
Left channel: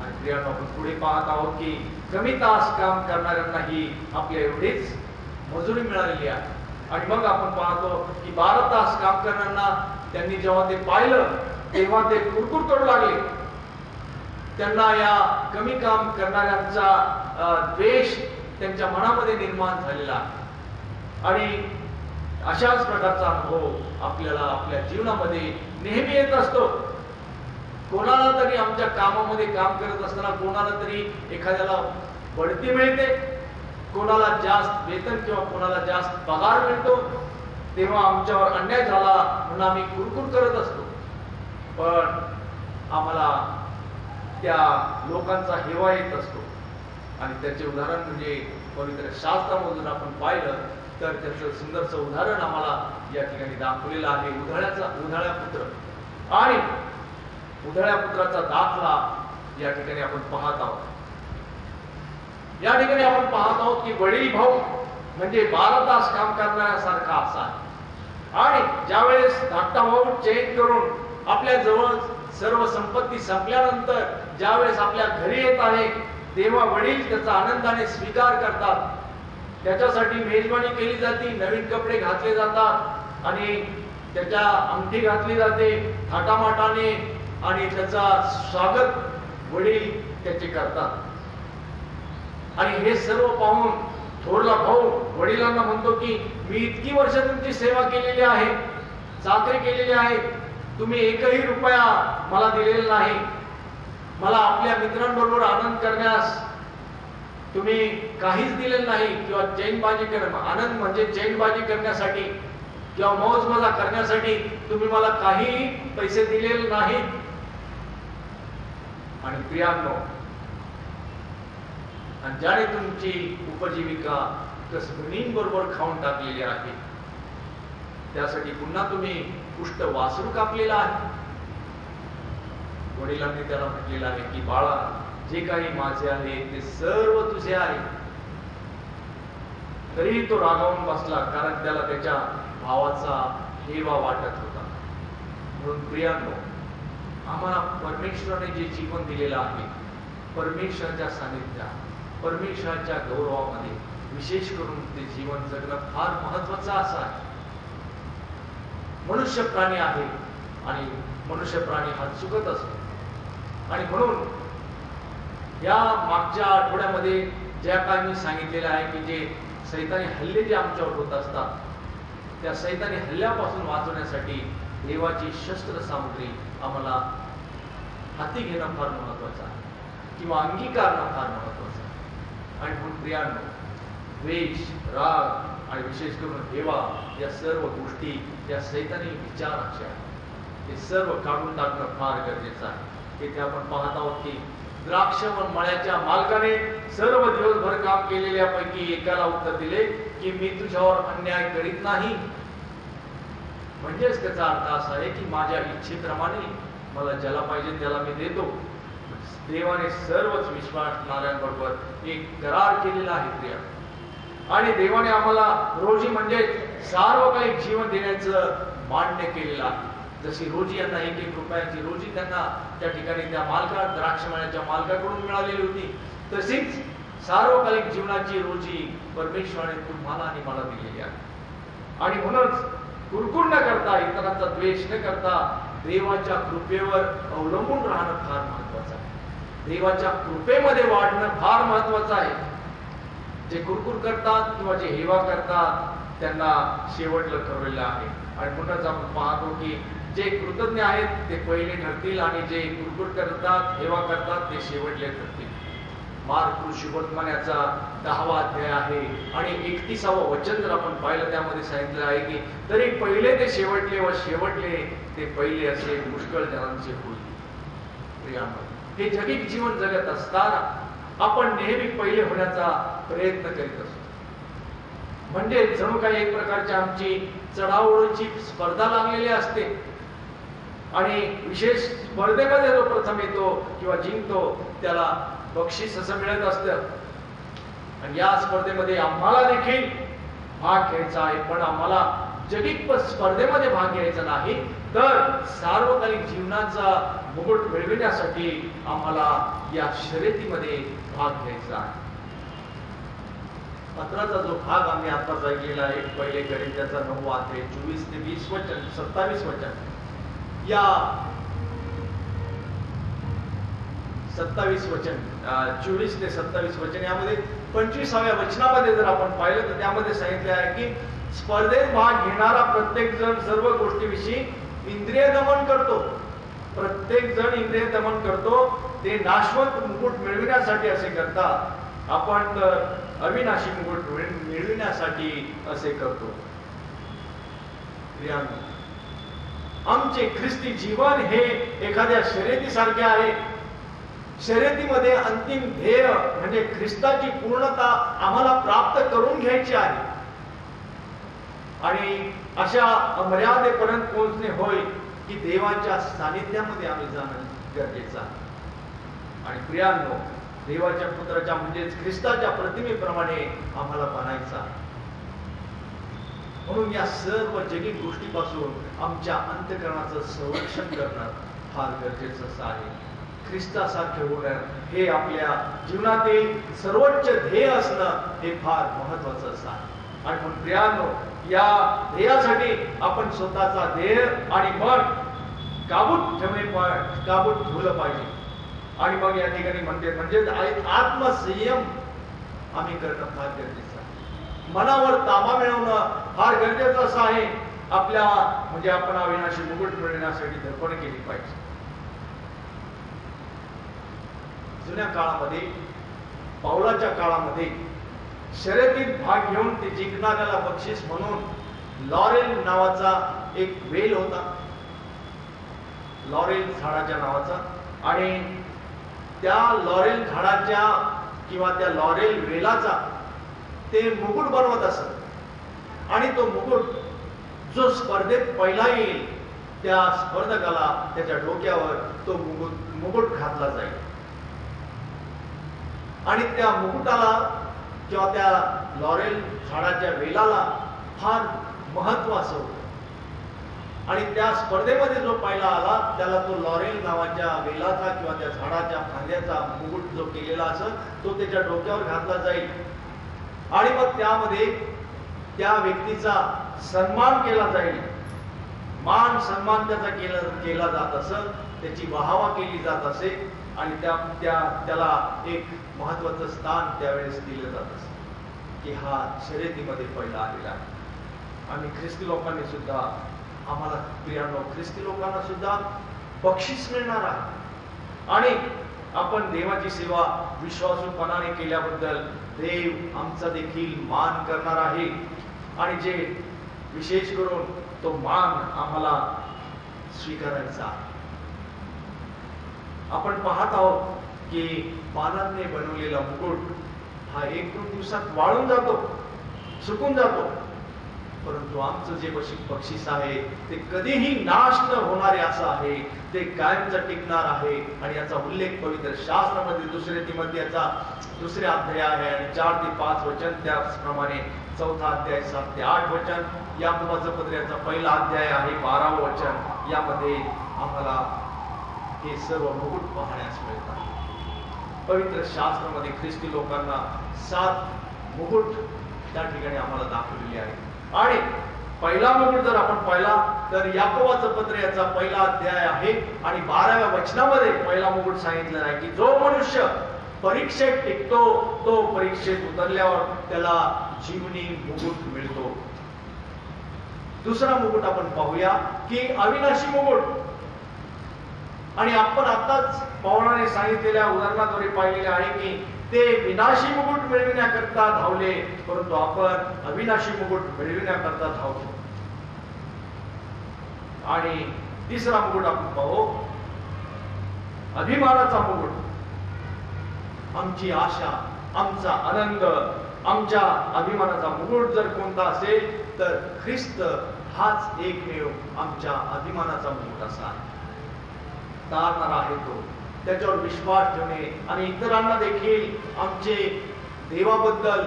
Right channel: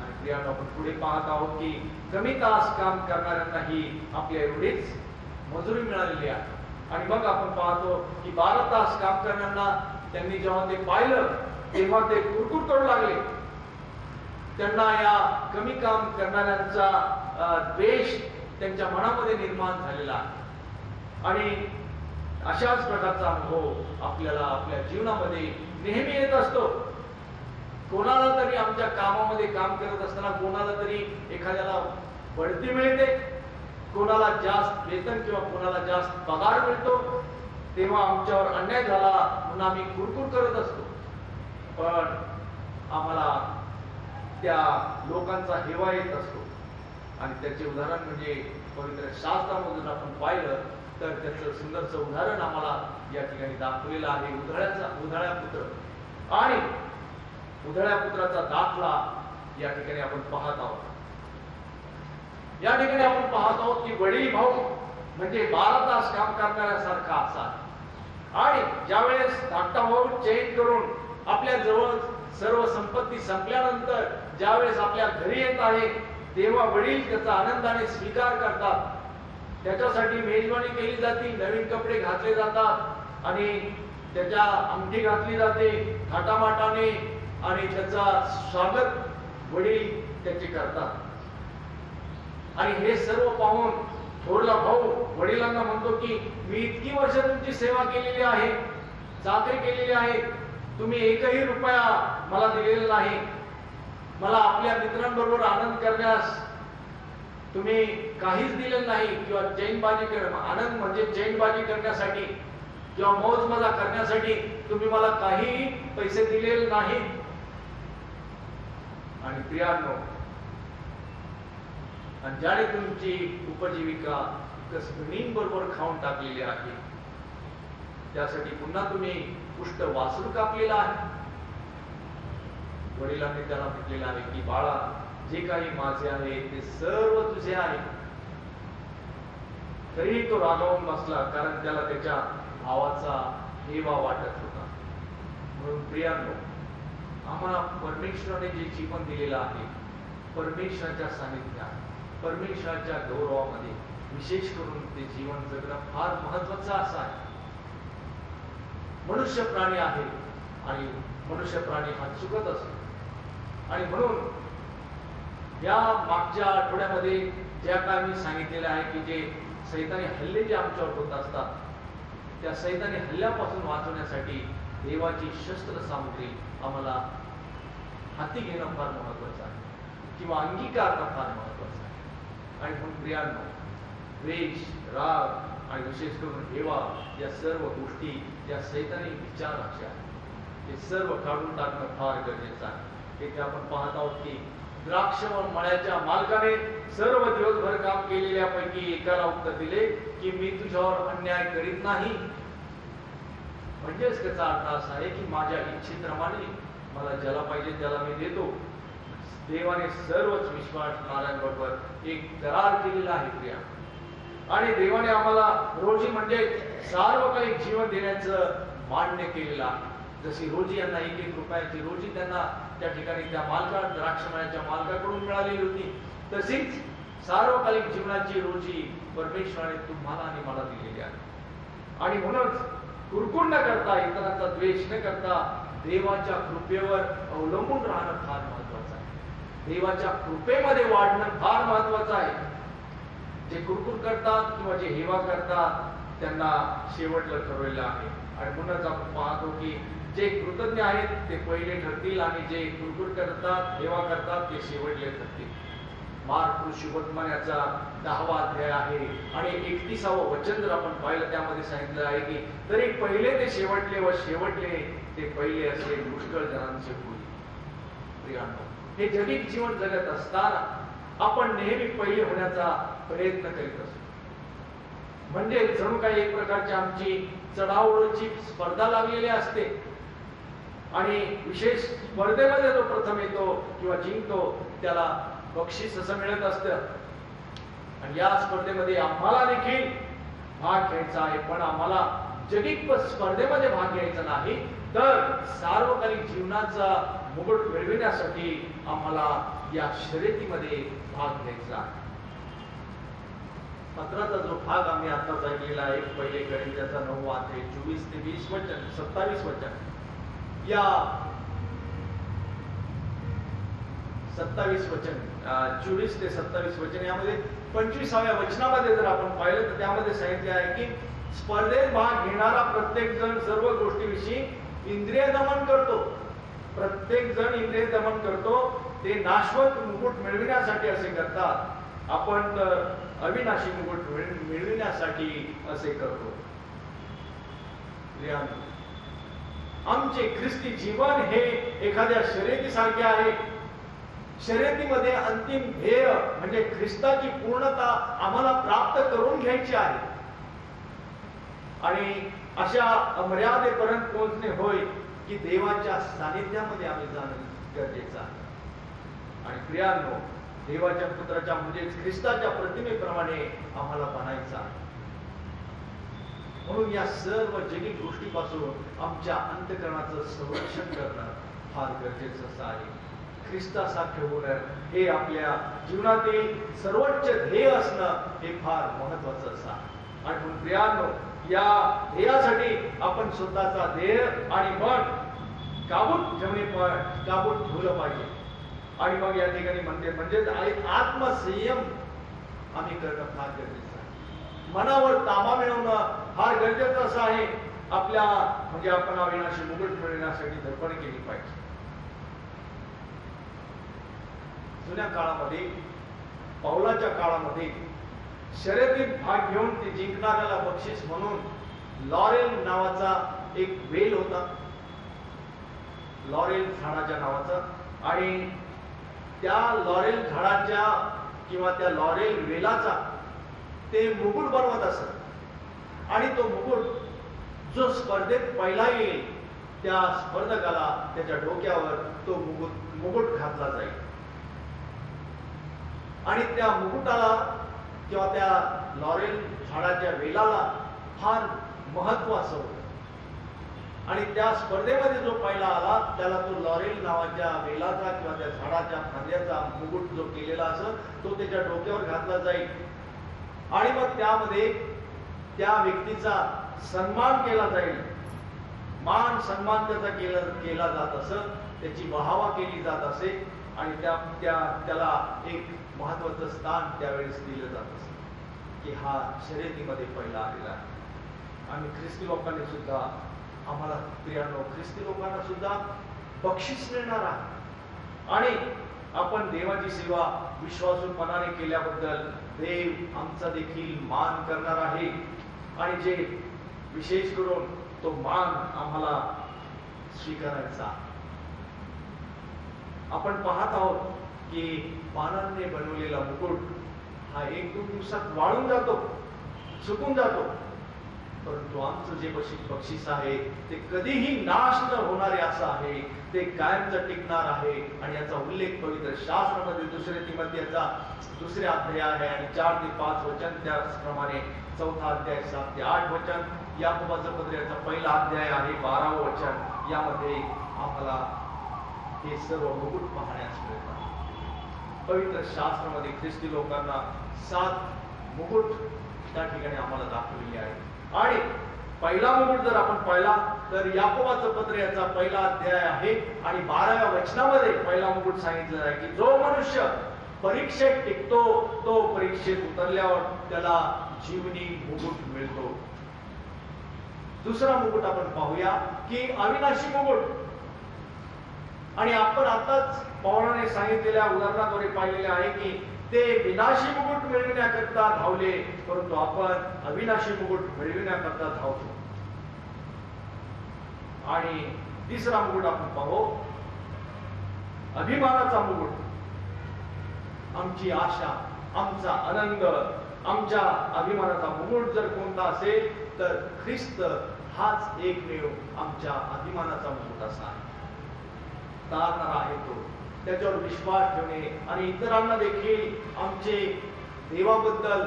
आणि प्रियांनो, आपण पुढे पाहत आहोत की कमी तास काम करणाऱ्यांनाही आपल्या एवढीच मजुरी मिळालेली आहे. आणि मग आपण पाहतो की 12 तास काम करणाऱ्यांना त्यांनी जेव्हा ते पाहिलं तेव्हा ते कुरकुर करू लागले. त्यांना या कमी काम करणाऱ्यांचा द्वेष त्यांच्या मनामध्ये निर्माण झालेला आहे. आणि अशाच प्रकारचा अनुभव आपल्याला आपल्या जीवनामध्ये नेहमी येत असतो. कोणाला तरी आमच्या कामामध्ये काम करत असताना कोणाला तरी एखाद्याला बढती मिळते, कोणाला जास्त वेतन किंवा कोणाला जास्त पगार मिळतो, तेव्हा आमच्यावर अन्याय झाला म्हणून आम्ही कुरकुर करत असतो. पण आम्हाला त्या लोकांचा हेवा येत असतो. आणि त्याचे उदाहरण म्हणजे पवित्र शास्त्रामधून आपण पाहिलं तर त्याचं सुंदरचं उदाहरण आम्हाला या ठिकाणी दाखवलेलं आहे. उधाळ्या पुत्र आणि उधाळ्या पुत्राचा दाखला या ठिकाणी आपण पाहत आहोत. या ठिकाणी आपण पाहत आहोत की वडील भाऊ म्हणजे 12 तास काम करण्यासारखा असा. आणि ज्यावेळेस धाकटा भाऊ चेंज करून आपल्या जवळ सर्व संपत्ती संपल्यानंतर ज्यावेळेस आपल्या घरी येत आहे तेव्हा वडील त्याचा आनंदाने स्वीकार करतात. त्याच्यासाठी मेजवानी केली जाते, नवीन कपडे घातले जातात आणि त्याच्या अंगठी घातली जाते थाटामाटाने आणि त्याचा स्वागत वडील त्याचे करतात. आणि हे सर्व पाहून थोरला भाऊ वडिलांना म्हणतो की मी इतकी वर्ष तुमची सेवा केलेली आहे, चाकरी केलेली आहे, तुम्ही एकही रुपया मला दिलेला नाही. मला आपल्या मित्रांबरोबर आनंद करण्यास तुम्ही काहीच दिलेलं नाही किंवा चैनबाजी आनंद म्हणजे चैनबाजी करण्यासाठी किंवा मौज मजा करण्यासाठी तुम्ही मला काही पैसे दिलेले नाहीत. आणि प्रियांनो, आणि ज्याने तुमची उपजीविका कसबीणींबरोबर खाऊन टाकलेली आहे त्यासाठी पुन्हा तुम्ही पुष्ट वासरू कापलेला आहे. वडिलांनी त्याला म्हटलेलं आहे की बाळा, जे काही माझे आहे ते सर्व तुझे आहे. तरीही तो रागावून बसला, कारण त्याला त्याच्या भावाचा हेवा वाटत होता. म्हणून प्रियांनो, आम्हाला परमेश्वराने जे जीवन दिलेलं आहे, परमेश्वराच्या सानिध्यात, परमेश्वराच्या गौरवामध्ये विशेष करून ते जीवन जगणं फार महत्वाचं असं आहे. मनुष्य प्राणी आहे आणि मनुष्य प्राणी हा चुकत असतो. आणि म्हणून या मागच्या आठवड्यामध्ये ज्या काय मी सांगितलेलं आहे की जे सैतानी हल्ले जे आमच्यावर होत असतात, त्या सैतानी हल्ल्यापासून वाचवण्यासाठी देवाची शस्त्र सामुग्री आम्हाला हाती घेणं फार महत्वाचं आहे किंवा अंगीकारणं फार महत्वाचं आहे. आणि म्हणून प्रियांनो, द्वेष, राग आणि विशेष करून हेवा या सर्व गोष्टी या सैतानी विचाराच्या आहेत, हे सर्व काढून टाकणं फार गरजेचं आहे. इथे आपण पाहत आहोत की द्राक्ष मळ्याच्या मालकाने सर्व दिवसभर काम केलेल्यापैकी एकाला उत्तर दिले की मी तुझ्यावर अन्याय करीत नाही. म्हणजेच त्याचा अर्थ असा आहे की माझ्या इच्छेप्रमाणे मला ज्याला पाहिजे त्याला मी देतो. देवाने सर्वच विश्वासणाऱ्यांबरोबर एक करार केलेला आहे प्रिया. आणि देवाने आम्हाला रोजी म्हणजे सार्वकालिक जीवन देण्याचं मान्य केलेलं आहे. जशी रोजी यांना 1-1 रुपयाची रोजी त्यांना त्या ठिकाणी त्या द्राक्षमळ्याच्या मालकाकडून मिळालेली होती, तशीच सार्वकालिक जीवनाची रोजी परमेश्वराने तुम्हाला आणि मला दिलेली आहे. आणि म्हणूनच कुरकुर न करता, इतरांचा द्वेष न करता देवाच्या कृपेवर अवलंबून राहणं फार महत्वाचं आहे. देवाच्या कृपेमध्ये वाढणं फार महत्वाचं आहे. जे कुरकुर करतात किंवा जे हेवा करतात त्यांना शेवटला ठरवलेलं आहे. आणि म्हणूनच आपण पाहतो की जे कृतज्ञ आहेत ते पहिले ठरतील आणि जे कुरकुर करतात, हेवा करतात ते शेवटले ठरतील. मार्क शुभवर्तमानाचा 10वा अध्याय आहे आणि 31वं वचन जर आपण पाहिलं त्यामध्ये सांगितलं आहे की तरी पहिले ते शेवटले व शेवटले ते पहिले असे पुष्कळ जणांचे होईल. प्रियांनो, हे जगिक जीवन जगत असताना आपण नेहमी पहिले होण्याचा प्रयत्न करीत असतो. म्हणजे जणू काही एक प्रकारची आमची चढाओढीची स्पर्धा लागलेली असते आणि विशेष स्पर्धेमध्ये जो प्रथम येतो किंवा जिंकतो त्याला बक्षीस असं मिळत असतं. आणि या स्पर्धेमध्ये आम्हाला देखील भाग घ्यायचा आहे, पण आम्हाला जगिक स्पर्धेमध्ये भाग घ्यायचा नाही, तर सार्वकालिक जीवनाचा मुकुट मिळविण्यासाठी आम्हाला या शर्यतीमध्ये भाग घ्यायचा आहे. पत्राचा जो भाग आम्ही आता ऐकलेला आहे, पहिले कोरिंथ्याचा 9वा अध्याय 24 ते 20 वचन, 27 वचन, या 27 वचन, 24 ते 27 वचन, यामध्ये 25व्या वचनामध्ये जर आपण पाहिलं तर त्यामध्ये सांगितले आहे की स्पर्धेत भाग घेणारा प्रत्येक जण सर्व गोष्टीविषयी इंद्रिय दमन करतो. प्रत्येक जण इंद्रिय दमन करतो, ते नाशवंत मुकुट मिळविण्यासाठी असे करतात. आपण तर अविनाशी मुकुट मिळविण्यासाठी असे करतो. आमचे ख्रिस्ती जीवन हे एखाद्या शर्यतीसारखे आहे. शर्यतीमध्ये अंतिम ध्येय म्हणजे ख्रिस्ताची पूर्णता आम्हाला प्राप्त करून घ्यायची आहे आणि अशा मर्यादेपर्यंत पोहोचणे होय की देवाच्या सानिध्यामध्ये आम्ही जाणं गरजेचं आहे. आणि प्रियांनो, देवाच्या पुत्राच्या म्हणजेच ख्रिस्ताच्या प्रतिमेप्रमाणे आम्हाला बनायचं आहे. म्हणून या सर्व जगिक गोष्टीपासून आमच्या अंतःकरणाचं संरक्षण करणं फार गरजेचं आहे. ख्रिस्तासारखे होणं हे आपल्या जीवनातील सर्वोच्च ध्येय असणं हे फार महत्वाचं आहे. आणि म्हणून प्रियांनो, या ध्येयासाठी आपण स्वतःचा ध्येय आणि मन काबूत ठेवलं पाहिजे. आणि मग या ठिकाणी म्हणते म्हणजे आत्मसंयम आम्ही करणं फार गरजेचं आहे. मनावर ताबा मिळवणं फार गरजेचं असं आहे. आपल्या म्हणजे आपण अविनाशी मुकुट मिळवण्यासाठी धडपड केली पाहिजे. जुन्या काळामध्ये, पाऊलाच्या काळामध्ये शर्यतीत भाग घेऊन ते जिंकणाऱ्याला बक्षीस म्हणून लॉरेल नावाचा एक वेल होता, लॉरेल झाडाच्या नावाचा. आणि त्या लॉरेल झाडाच्या किंवा त्या लॉरेल वेलाचा ते मुकुट बनवत असत. आणि तो मुकुट जो स्पर्धेत पहिला येईल त्या स्पर्धकाला त्याच्या डोक्यावर तो मुकुट घातला जाईल. आणि त्या मुकुटाला किंवा त्या लॉरेल झाडाच्या वेलाला फार महत्व असं होतं. आणि त्या स्पर्धेमध्ये जो पहिला आला त्याला तो लॉरेल नावाच्या वेलाचा किंवा त्या झाडाच्या फांद्याचा मुकुट जो केलेला असं तो त्याच्या डोक्यावर घातला जाईल. आणि मग त्यामध्ये त्या व्यक्तीचा सन्मान केला जाईल, मान सन्मान त्याचा केला जात असत, त्याची वाहवा केली जात असे. आणि त्याला एक महत्वाचं स्थान त्यावेळेस दिलं जात असे की हा शर्यतीमध्ये पहिला आलेला आहे. आणि ख्रिस्ती लोकांनी सुद्धा आम्हाला प्रियांनो, ख्रिस्ती लोकांना सुद्धा बक्षीस मिळणार आहे. आणि आपण देवाची सेवा विश्वासूपणाने केल्याबद्दल देव आमचा देखील मान करणार आहे. आणि जे विशेष करून तो मान आम्हाला स्वीकारायचा. आपण पाहत आहोत की पानांनी बनवलेला मुकुट हा 1-2 दिवसात वाळून जातो, सुकून जातो. परंतु आमचं जे बक्षीस आहे ते कधीही नाश न होणारे असं आहे, ते कायमचं टिकणार आहे. आणि याचा उल्लेख पवित्र शास्त्रामध्ये 2 तिमोथेचा 2 अध्याय आहे आणि 4 ते 5 वचन, त्याचप्रमाणे 4 अध्याय 7 ते 8 वचन, याकोबाच्या पत्राचा 1 अध्याय आहे 12 वचन. यामध्ये आम्हाला हे सर्व मुकुट पाहण्यास मिळतात. पवित्र शास्त्रामध्ये ख्रिस्ती लोकांना 7 मुकुट त्या ठिकाणी आम्हाला दाखवलेले आहेत. आणि पहिला मुकुट जर आपण पाहिला तर याकोबाचं पत्र याचा 1 अध्याय आहे आणि 12व्या वचनामध्ये पहिला मुकुट सांगितलेला आहे की जो मनुष्य परीक्षेत टिकतो तो परीक्षेत उतरल्यावर त्याला जीवनी मुकुट मिळतो. दुसरा मुकुट आपण पाहूया की अविनाशी मुकुट. आणि आपण आताच पौराणे सांगितलेल्या उदाहरणाद्वारे पाहिलेले आहे की ते विनाशी मुकुट मिळविण्याकरता धावले, परंतु आपण अविनाशी मुकुट मिळविण्याकरता धावतो. आणि तिसरा मुकुट आपण पाहू, अभिमानाचा मुकुट. आमची आशा, आमचा आनंद, आमच्या अभिमानाचा मुकुट जर कोणता असेल तर ख्रिस्त हाच एकमेव आमच्या अभिमानाचा मुकुट असा आहे. तारणारा आहे तो. त्याच्यावर विश्वास ठेवणे आणि इतरांना देखील आमचे देवाबद्दल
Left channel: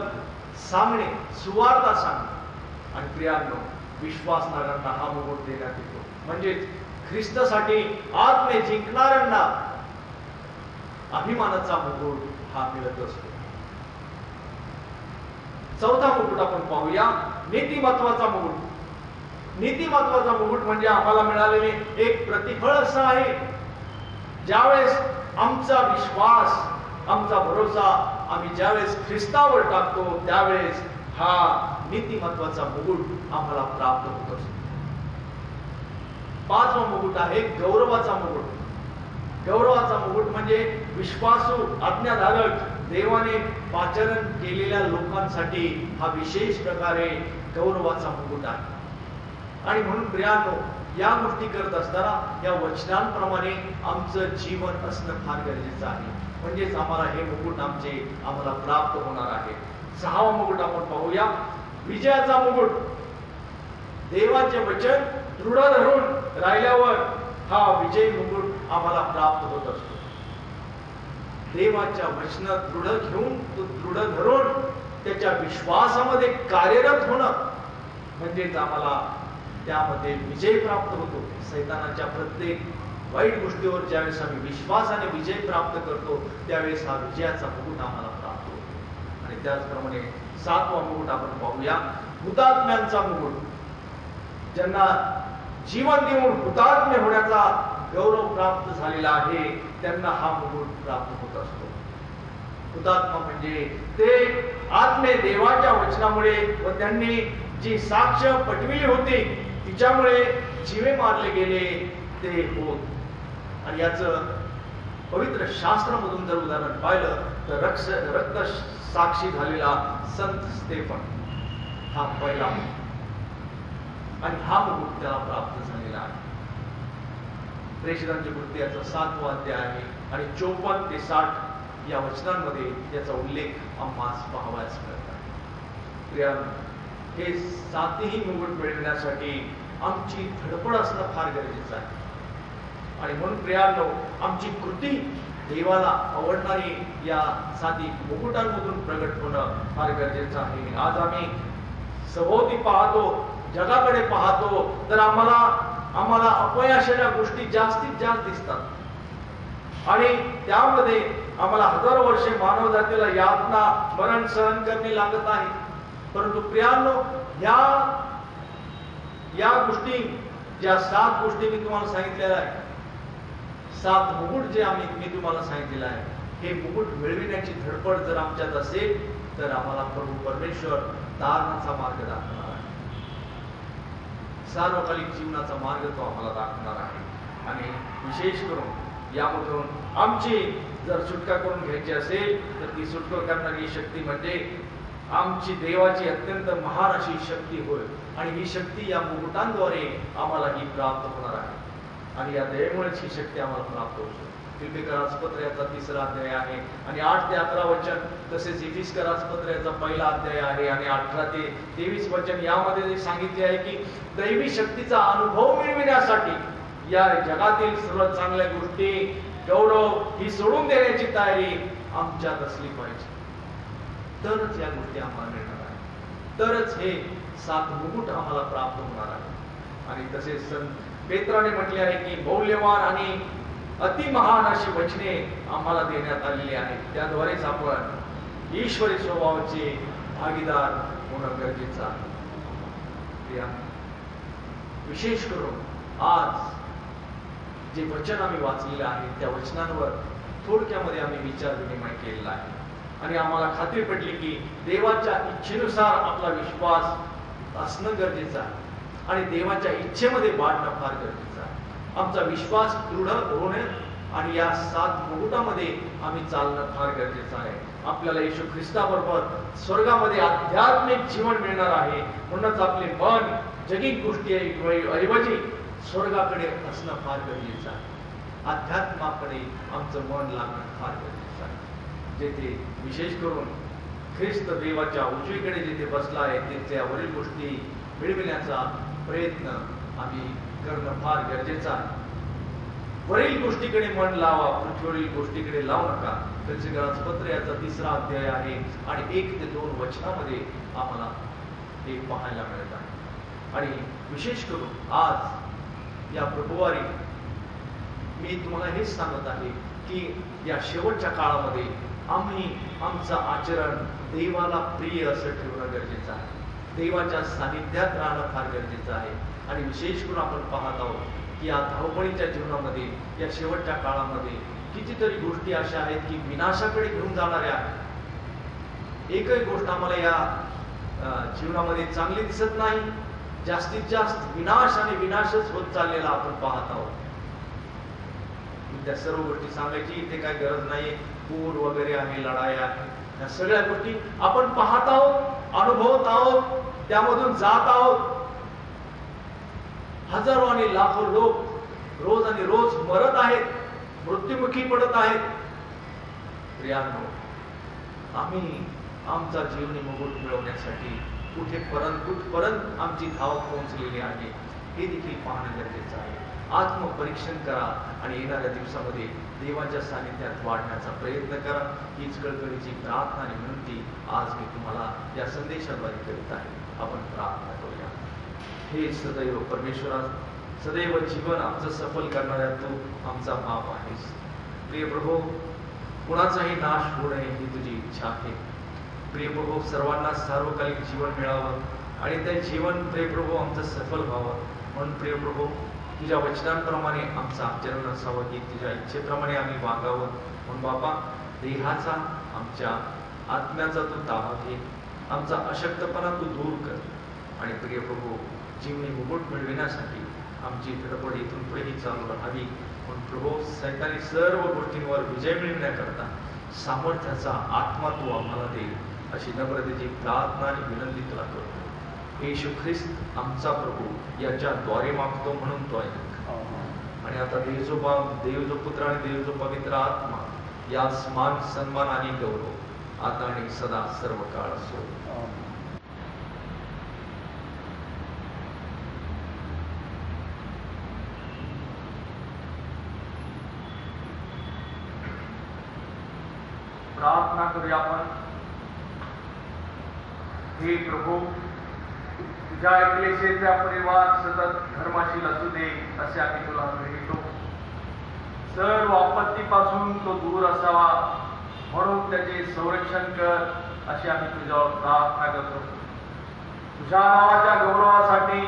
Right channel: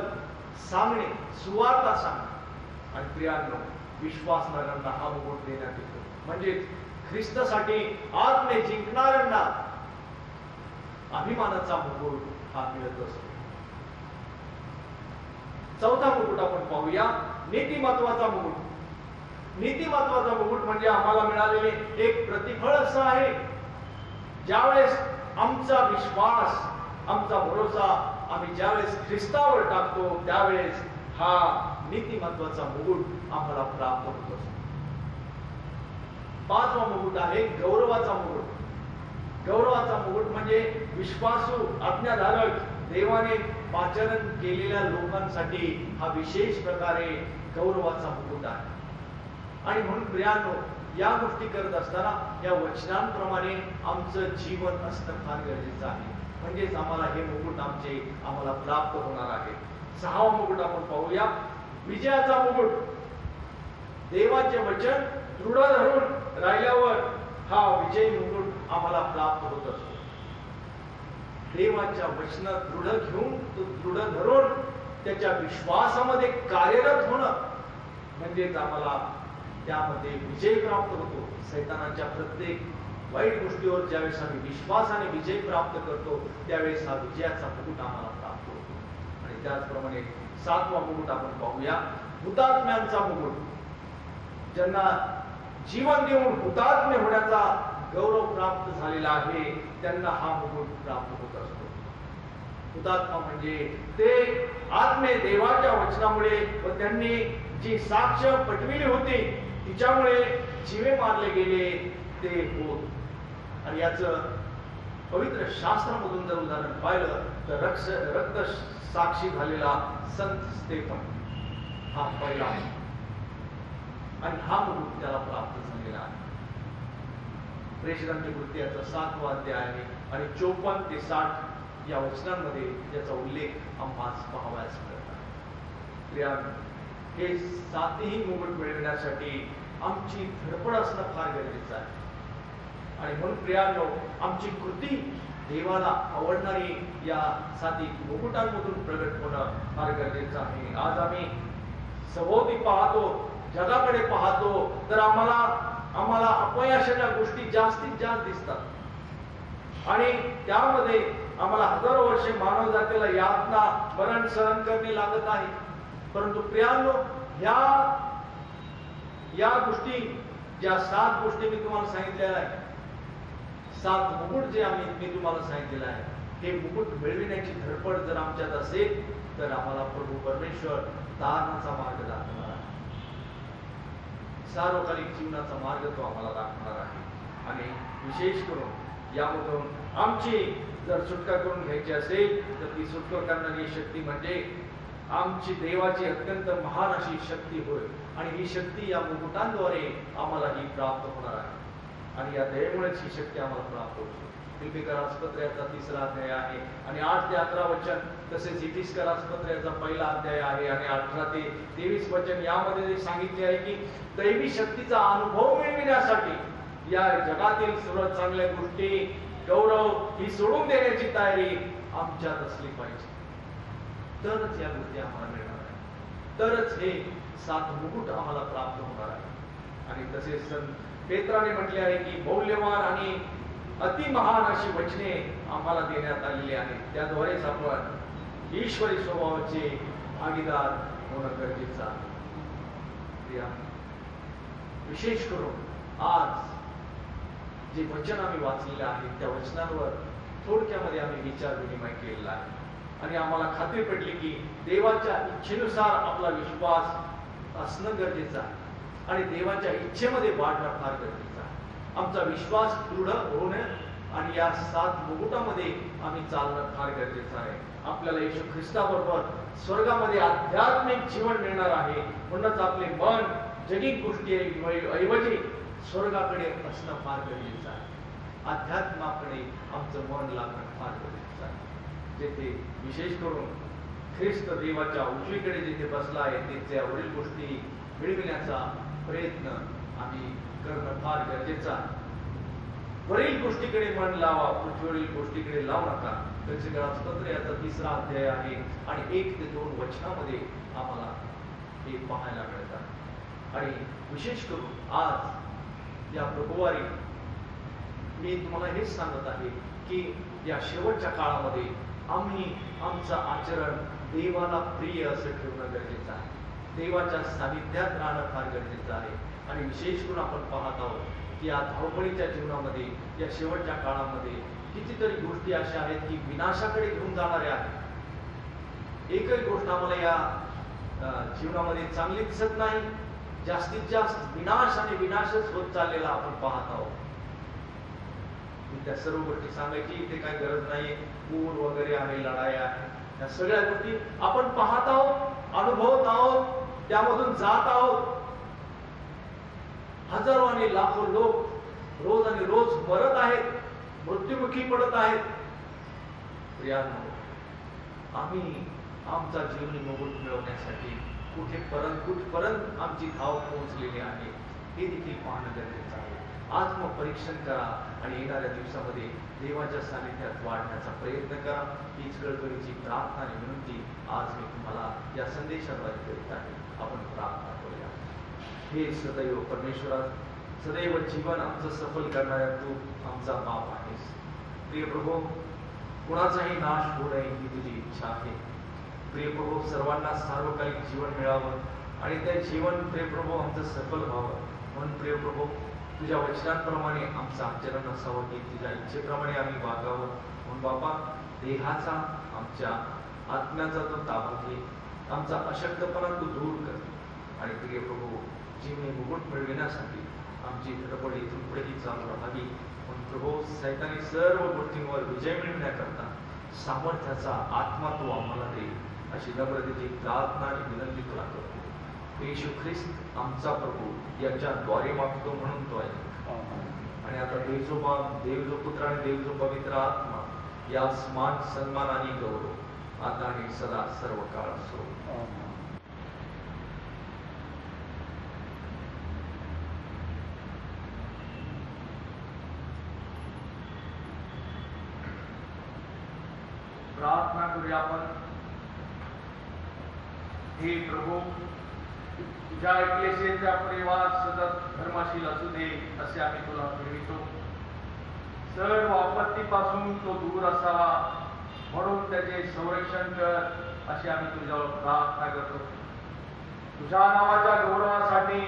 सांगणे, सुवार्ता सांगणे. आणि प्रियांनो, विश्वासणाऱ्यांना हा मुकुट देण्यात येतो. म्हणजे ख्रिस्तासाठी आत्मे जिंकणाऱ्यांना अभिमानाचा मुकुट हा मिळत असतो. चौथा मुकुट आपण पाहूया, नीतिमत्वाचा मुकुट. नीतिमत्वाचा मुकुट म्हणजे आम्हाला मिळालेले एक प्रतिफळ असं आहे. ज्यावेळेस आमचा विश्वास, आमचा भरोसा आम्ही ज्यावेळेस ख्रिस्तावर टाकतो त्यावेळेस हा नीतिमत्वाचा मुकुट आम्हाला प्राप्त होत असतो. 5वा मुकुट आहे गौरवाचा मुकुट. गौरवाचा मुकुट म्हणजे विश्वासू, आज्ञाधारक, देवाने पाचारण केलेल्या लोकांसाठी हा विशेष प्रकारे गौरवाचा मुकुट आहे. आणि म्हणून प्रियांनो, या गोष्टी करत असताना या वचनांप्रमाणे आमचं जीवन असणं फार गरजेचं आहे. म्हणजेच आम्हाला हे मुकुट आम्हाला प्राप्त होणार आहे. 6वा मुकुट आपण पाहूया, विजयाचा मुकुट. देवाचे वचन दृढ धरून राहिल्यावर हा विजय मुकुट आम्हाला प्राप्त होत असतो. देवाच्या वचनात दृढ घेऊन, तो दृढ धरून त्याच्या विश्वासामध्ये कार्यरत होणं म्हणजेच आम्हाला त्यामध्ये विजय प्राप्त होतो. सैतानाच्या प्रत्येक वाईट गोष्टीवर ज्यावेळेस आम्ही विश्वासाने विजय प्राप्त करतो त्यावेळेस हा विजयाचा मुकुट आम्हाला प्राप्त होतो. आणि त्याचप्रमाणे 7वा मुकुट आपण पाहूया, हुतात्म्यांचा मुकुट. ज्यांना जीवन देऊन हुतात्म्य होण्याचा गौरव प्राप्त झालेला आहे त्यांना हा मुकुट प्राप्त होत असतो. हुतात्मा म्हणजे ते आत्मे देवाच्या वचनामुळे व त्यांनी जी साक्ष पटविली होती तिच्यामुळे जीवे मारले गेले ते होत. आणि याचं पवित्र शास्त्रामधून जर उदाहरण पाहिलं तर रक्त साक्षी झालेला संत स्तेफन हा पहिला आणि हा मुकुट त्याला प्राप्त झालेला आहे. प्रेषितांच्या कृत्याचा 7वा अध्याय आहे आणि 54 ते 60 या वचनांमध्ये याचा उल्लेख आम्हास पाहावयास मिळत आहे. प्रियांनो, हे 7ही मुकुट मिळवण्यासाठी आमची धडपड असणं फार गरजेचं आहे. आणि म्हणून प्रियांनो, आमची कृती देवाला आवडणारी या 7 मुकुटांमधून प्रगट होणं फार गरजेचं आहे. आज आम्ही सभोवती पाहतो, जगाकडे पाहतो तर आम्हाला अपयशाच्या गोष्टी जास्तीत जास्त दिसतात आणि त्यामध्ये आम्हाला हजारो वर्षे मानव जातीला यातना मरण सहन करणे लागत आहे. परंतु प्रियांनो, या गोष्टी, ज्या 7 गोष्टी मी तुम्हाला सांगितलेल्या आहे, 7 मुकुट जे मी तुम्हाला सांगितलेलं आहे, हे मुकुट मिळविण्याची धडपड जर आमच्यात असेल तर आम्हाला प्रभू परमेश्वर तारणाचा मार्ग दाखवणार आहे. सार्वकालिक जीवनाचा मार्ग तो आम्हाला दाखवणार आहे. आणि विशेष करून यामधून आमची जर सुटका करून घ्यायची असेल तर ती सुटका करणारी शक्ती म्हणजे आमची देवाची अत्यंत महान अशी शक्ती होय. आणि ही शक्ती या मुकुटांद्वारे आम्हाला ही प्राप्त होणार आहे. आणि या दयेमुळेच ही शक्ती आम्हाला प्राप्त होते. फिलिप्पिकरास पत्राचा 3रा अध्याय आहे आणि 8 ते 11 वचन, तसेच इफिसकरास पत्राचा 1ला अध्याय आहे आणि 18 ते 23 वचन यामध्ये सांगितले आहे की दैवी शक्तीचा अनुभव मिळविण्यासाठी या जगातील सर्व चांगल्या गोष्टी, गौरव ही सोडून देण्याची तयारी आमच्यात असली पाहिजे. तरच या गोष्टी आम्हाला मिळणार आहे, तरच हे 7 मुकुट आम्हाला प्राप्त होणार आहे. आणि तसेच संत पेत्राने म्हटले आहे की मौल्यवान आणि अतिमहान अशी वचने आम्हाला देण्यात आलेली आहेत. त्याद्वारेच आपण ईश्वरी स्वभावाचे भागीदार होणं गरजेचं आहे. विशेष करून आज जे वचन आम्ही वाचलेलं आहे त्या वचनांवर थोडक्यामध्ये आम्ही विचार विनिमय केलेला आहे आणि आम्हाला खात्री पडली की देवाच्या इच्छेनुसार आपला विश्वास असणं गरजेचं आहे आणि देवाच्या इच्छेमध्ये वाढणं फार गरजेचं आहे. आमचा विश्वास दृढ होणे आणि या 7 मुकुटामध्ये आम्ही चालणं फार गरजेचं आहे. आपल्याला येशू ख्रिस्ताबरोबर स्वर्गामध्ये आध्यात्मिक जीवन मिळणार आहे. म्हणूनच आपले मन जगिक गोष्टी ऐवजी स्वर्गाकडे असणं फार गरजेचं आहे. अध्यात्माकडे आमचं मन लागणं फार गरजेचं आहे. जेथे विशेष करून ख्रिस्त देवाच्या उजवीकडे जिथे बसला आहे त्यावरील गोष्टी मिळविण्याचा प्रयत्न आम्ही करणं फार गरजेचं आहे. वरील गोष्टीकडे मन लावा, पृथ्वीवरील गोष्टीकडे लावू नका. फिलिप्पिकरास पत्र याचा 3रा अध्याय आहे आणि 1 ते 2 वचनामध्ये आम्हाला हे पाहायला मिळत आहे. आणि विशेष करून आज या प्रभुवारी मी तुम्हाला हेच सांगत आहे की या शेवटच्या काळामध्ये आम्ही आमचं आचरण देवाला प्रिय असं ठेवणं गरजेचं आहे. देवाच्या सानिध्यात राहणं फार गरजेचं आहे. आणि विशेष करून आपण पाहत आहोत की या धावपळीच्या जीवनामध्ये, या शेवटच्या काळामध्ये कितीतरी गोष्टी अशा आहेत की विनाशाकडे घेऊन जाणाऱ्या आहेत. एकही गोष्ट आम्हाला या जीवनामध्ये चांगली दिसत नाही. जास्तीत जास्त विनाश आणि विनाशच होत चाललेला आपण पाहत आहोत. त्या सर्व गोष्टी सांगायची इथे काही गरज नाही. पूर वगैरे आहे, लढाया, या सगळ्या गोष्टी आपण पाहत आहोत, अनुभवत आहोत, त्यामधून जात आहोत. हजारो आणि लाखो लोक रोज आणि रोज मरत आहेत, मृत्युमुखी पडत आहेत. प्रियांनो, आम्ही आमचा जीवनी मुकुट मिळवण्यासाठी कुठपर्यंत आमची धाव पोहोचलेली आहे हे देखील पाहणं गरजेचं आहे. आत्मपरीक्षण करा आणि येणाऱ्या दिवसामध्ये देवाच्या सानिध्यात वाढण्याचा प्रयत्न करा. हीच कळकळीची प्रार्थना आणि विनंती आज मी तुम्हाला या संदेशाद्वारे करीत आहे. आपण प्रार्थना करूया. हे सदैव परमेश्वरा, सदैव जीवन आमचं सफल करणाऱ्या तू आमचा बाप आहेस. प्रिय प्रभू, कुणाचाही नाश होऊ नये ही तुझी इच्छा आहे. प्रिय प्रभू, सर्वांना सार्वकालिक जीवन मिळावं आणि ते जीवन प्रिय प्रभू आमचं सफल व्हावं म्हणून प्रिय प्रभू तुझ्या वचनांप्रमाणे आमचं आचरण असावं की तुझ्या इच्छेप्रमाणे आम्ही वागावं. म्हणून बापा, देहाचा आमच्या आत्म्याचा तू ताबा घे. आमचा अशक्तपणा तू दूर कर आणि प्रिय प्रभू जीवनी मुकुट मिळविण्यासाठी आमची धडपड इथून पुढेही चालू राहावी. म्हणून प्रभू, सैतानी सर्व गोष्टींवर विजय मिळवण्याकरता सामर्थ्याचा आत्मा तू आम्हाला दे अशी नम्रतेची प्रार्थना आणि विनंती तुला करतो. येशू ख्रिस्त आमचा प्रभू याच्याद्वारे मागतो म्हणून तो आहे. आणि आता देव जो पुत्र आणि देव जो पवित्र आत्मा या मान सन्मान आणि गौरव आता आणि सदा सर्व काळ असो. प्रार्थना करूया आपण. हे प्रभू, तुझ्या ऐकलेशेचा परिवार सतत धर्मशील असू दे असे आम्ही तुला कळवितो. सर्व आपत्तीपासून तो दूर असावा म्हणून त्याचे संरक्षण कर अशी आम्ही तुझ्यावर प्रार्थना करतो. तुझ्या नावाच्या गौरवासाठी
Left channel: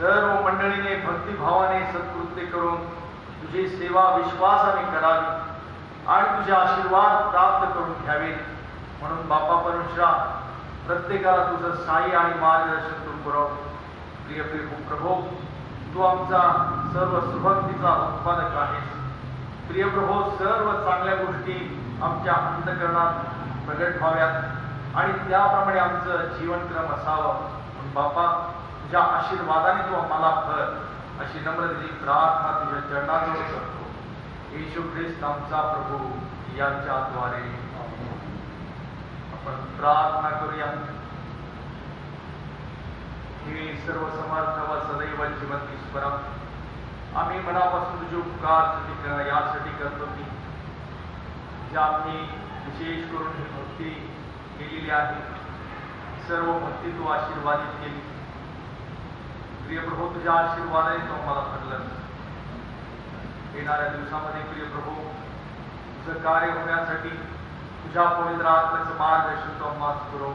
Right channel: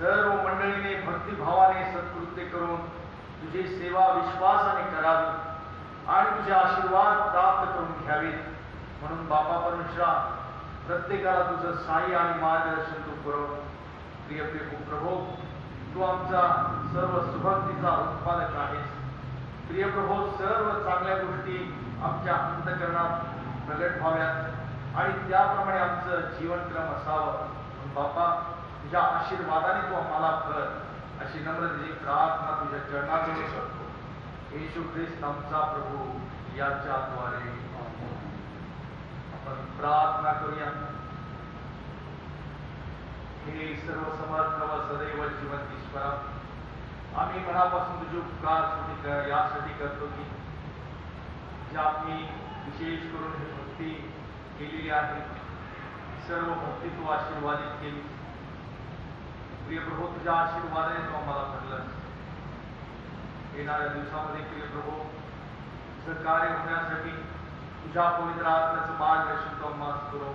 सर्व मंडळीने भक्तिभावाने सत्कृत्य करून तुझी सेवा विश्वासाने करावी आणि तुझे आशीर्वाद प्राप्त करून घ्यावेत. म्हणून बापा परमेश्वरा, प्रत्येकाला तुझं साई आणि मार्गदर्शन तू पुरव. प्रिय प्रभू, तू आमचा सर्व सुभक्तीचा उत्पादक आहेस. प्रिय प्रभू, सर्व चांगल्या गोष्टी आमच्या अंतःकरणात प्रगट व्हाव्यात आणि त्याप्रमाणे आमचं जीवनक्रम असावं. म्हणून बापा, तुझ्या आशीर्वादाने तू आम्हाला कर अशी नम्रतेची प्रार्थना तुझ्या चरणाजवळ करतो. येशू ख्रिस्त आमचा प्रभू याच्याद्वारे आपण प्रार्थना करूया. हे सर्व समर्थ व सदैव जिवंत ईश्वरा, आम्ही मनापासून तुझे उपकार यासाठी करतो की ज्या आम्ही विशेष करून ही भक्ती केलेली आहे, सर्व भक्ती तू आशीर्वादित केली. प्रिय प्रभू, तुझ्या आशीर्वादाने तू आम्हाला घडलं. येणाऱ्या दिवसामध्ये प्रिय प्रभू, तुझं कार्य होण्यासाठी तुझ्या पवित्र आत्म्याचं मार्गदर्शन तू आम्हाला पुरव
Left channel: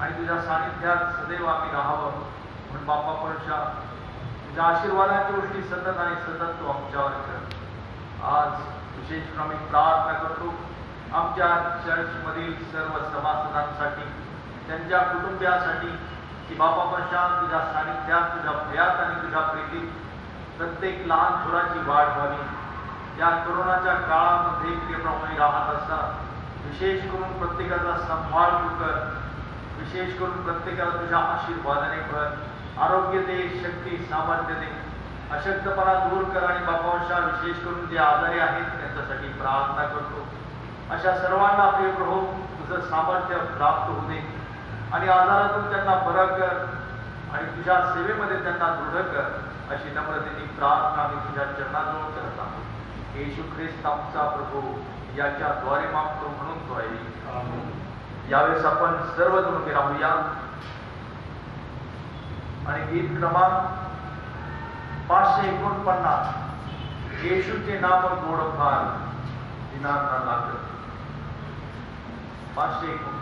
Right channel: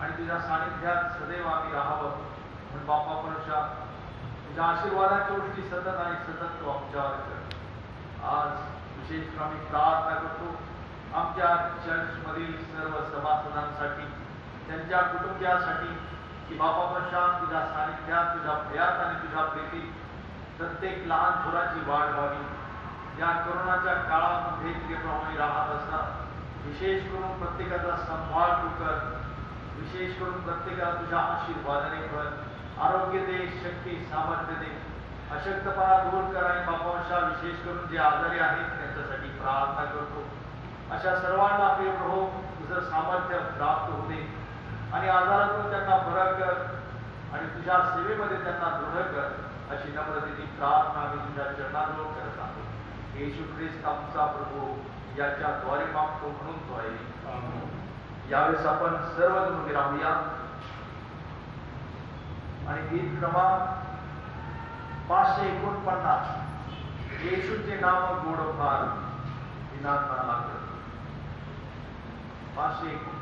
आणि तुझ्या सानिध्यात सदैव आम्ही राहावं. म्हणून बापा परमेश्वरा, तुझ्या आशीर्वादाच्या गोष्टी सतत आणि सतत तू आमच्यावर कर. आज विशेष आम्ही प्रार्थना करतो आमच्या चर्चमधील सर्व सभासदांसाठी, त्यांच्या कुटुंबियांसाठी की बापा परमेश्वरा, तुझ्या सानिध्यात, तुझ्या भयात आणि तुझ्या प्रीतीत प्रत्येक लहान थोराची वाढ व्हावी. या कोरोनाच्या काळामध्ये प्रियप्रमाणे राहत असतात, विशेष करून प्रत्येकाचा सांभाळ तू कर. विशेष करून प्रत्येकाला तुझ्या आशीर्वादाने भर. आरोग्य दे, शक्ती, सामर्थ्य दे. अशक्तपणा दूर कर आणि बापांशा विशेष करून जे आजारी आहेत त्यांच्यासाठी प्रार्थना करतो. अशा सर्वांना प्रिय प्रभू तुझं सामर्थ्य प्राप्त होऊ दे आणि आजारातून त्यांना बरं कर आणि तुझ्या सेवेमध्ये त्यांना दृढ कर अशी नम्रतेची प्रार्थना आम्ही तुझ्या चरणाजवळ करत आहोत. येशू ख्रिस्त आमचा प्रभू याच्याद्वारे मागतो म्हणून तो आहे. यावेळेस आपण सर्वजण उभे राहूया आणि गीत क्रमांक 549 येशूचे नाम गोड फार दिनांना लागत. 549.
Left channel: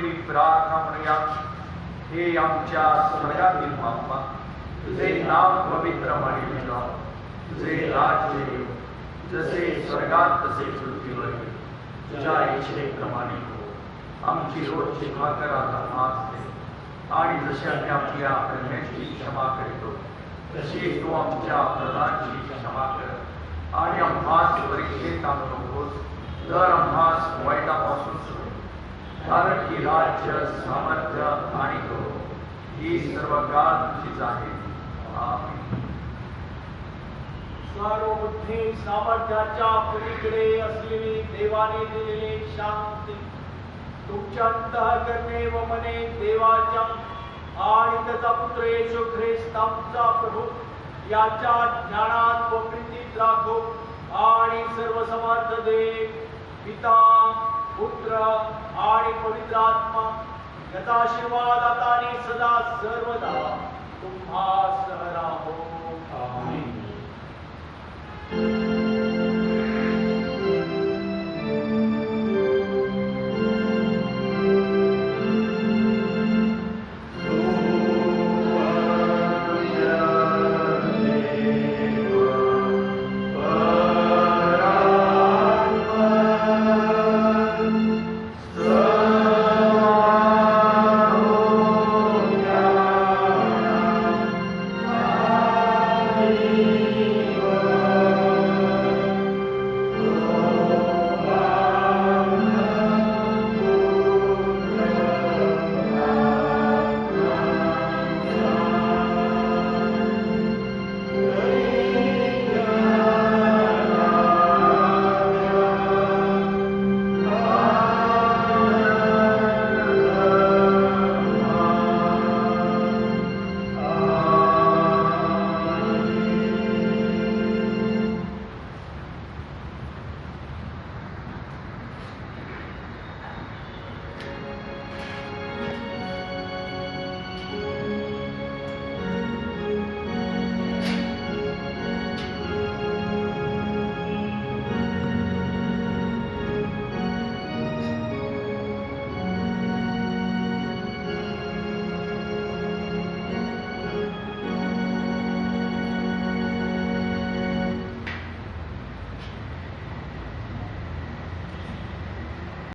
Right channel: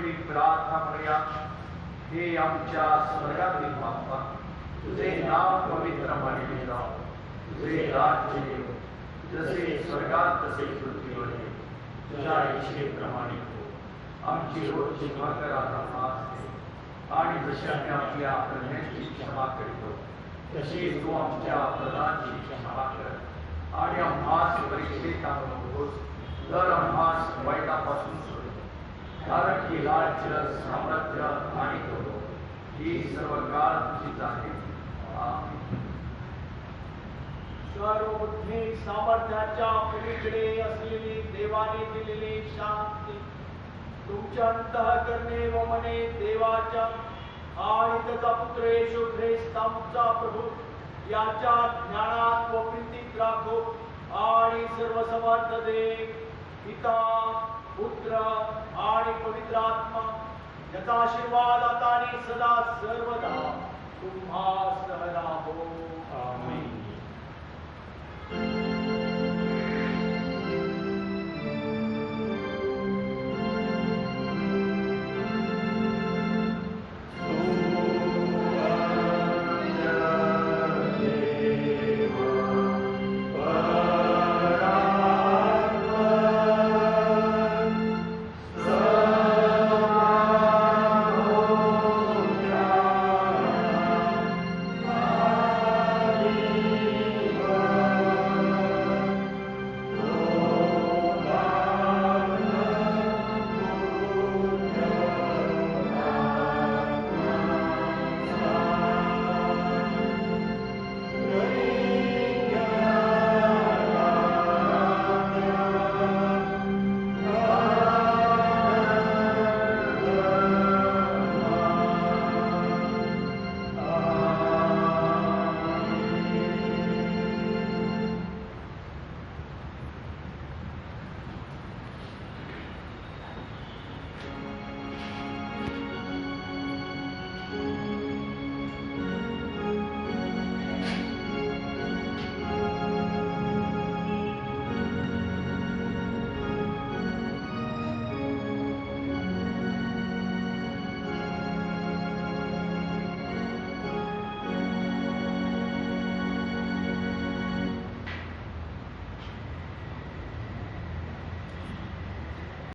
पहिली प्रार्थना म्हणूया. हे आमच्या स्वर्गातील बाप्पा, तुझे नाव पवित्र मानले जाओ, तुझे राज्य येवो, जसे स्वर्गात तसे पृथ्वीवर. तुझ्या इच्छेप्रमाणे हो. आमची रोजची भाकर आता आज दे, आणि जशी आम्ही आपल्या अपराधांची क्षमा करतो तशी तू आमच्या अपराधांची क्षमा कर. आणि आम्हास परीक्षेत आणू नकोस, तर आम्हास वाईटापासून सोड. कारण की राज्य, सामर्थ्य आणि गौरव ही सर्व काळ तुझीच आहे. आमेन. सर्व बुद्धी सामर्थ्याच्या पलीकडे असलेली देवाने दिलेली शांती तुमच्या अंतःकरणे व मने देवाच्या आणि त्याचा पुत्र येशू ख्रिस्त आमचा प्रभू याच्या ज्ञानात व प्रीतीत राखो. आणि सर्व समर्थ देव पिता, पुत्र आणि पवित्र आत्मा याचा आशीर्वाद आता आणि सदा सर्वदा तुम्हा सह राहो. आमेन.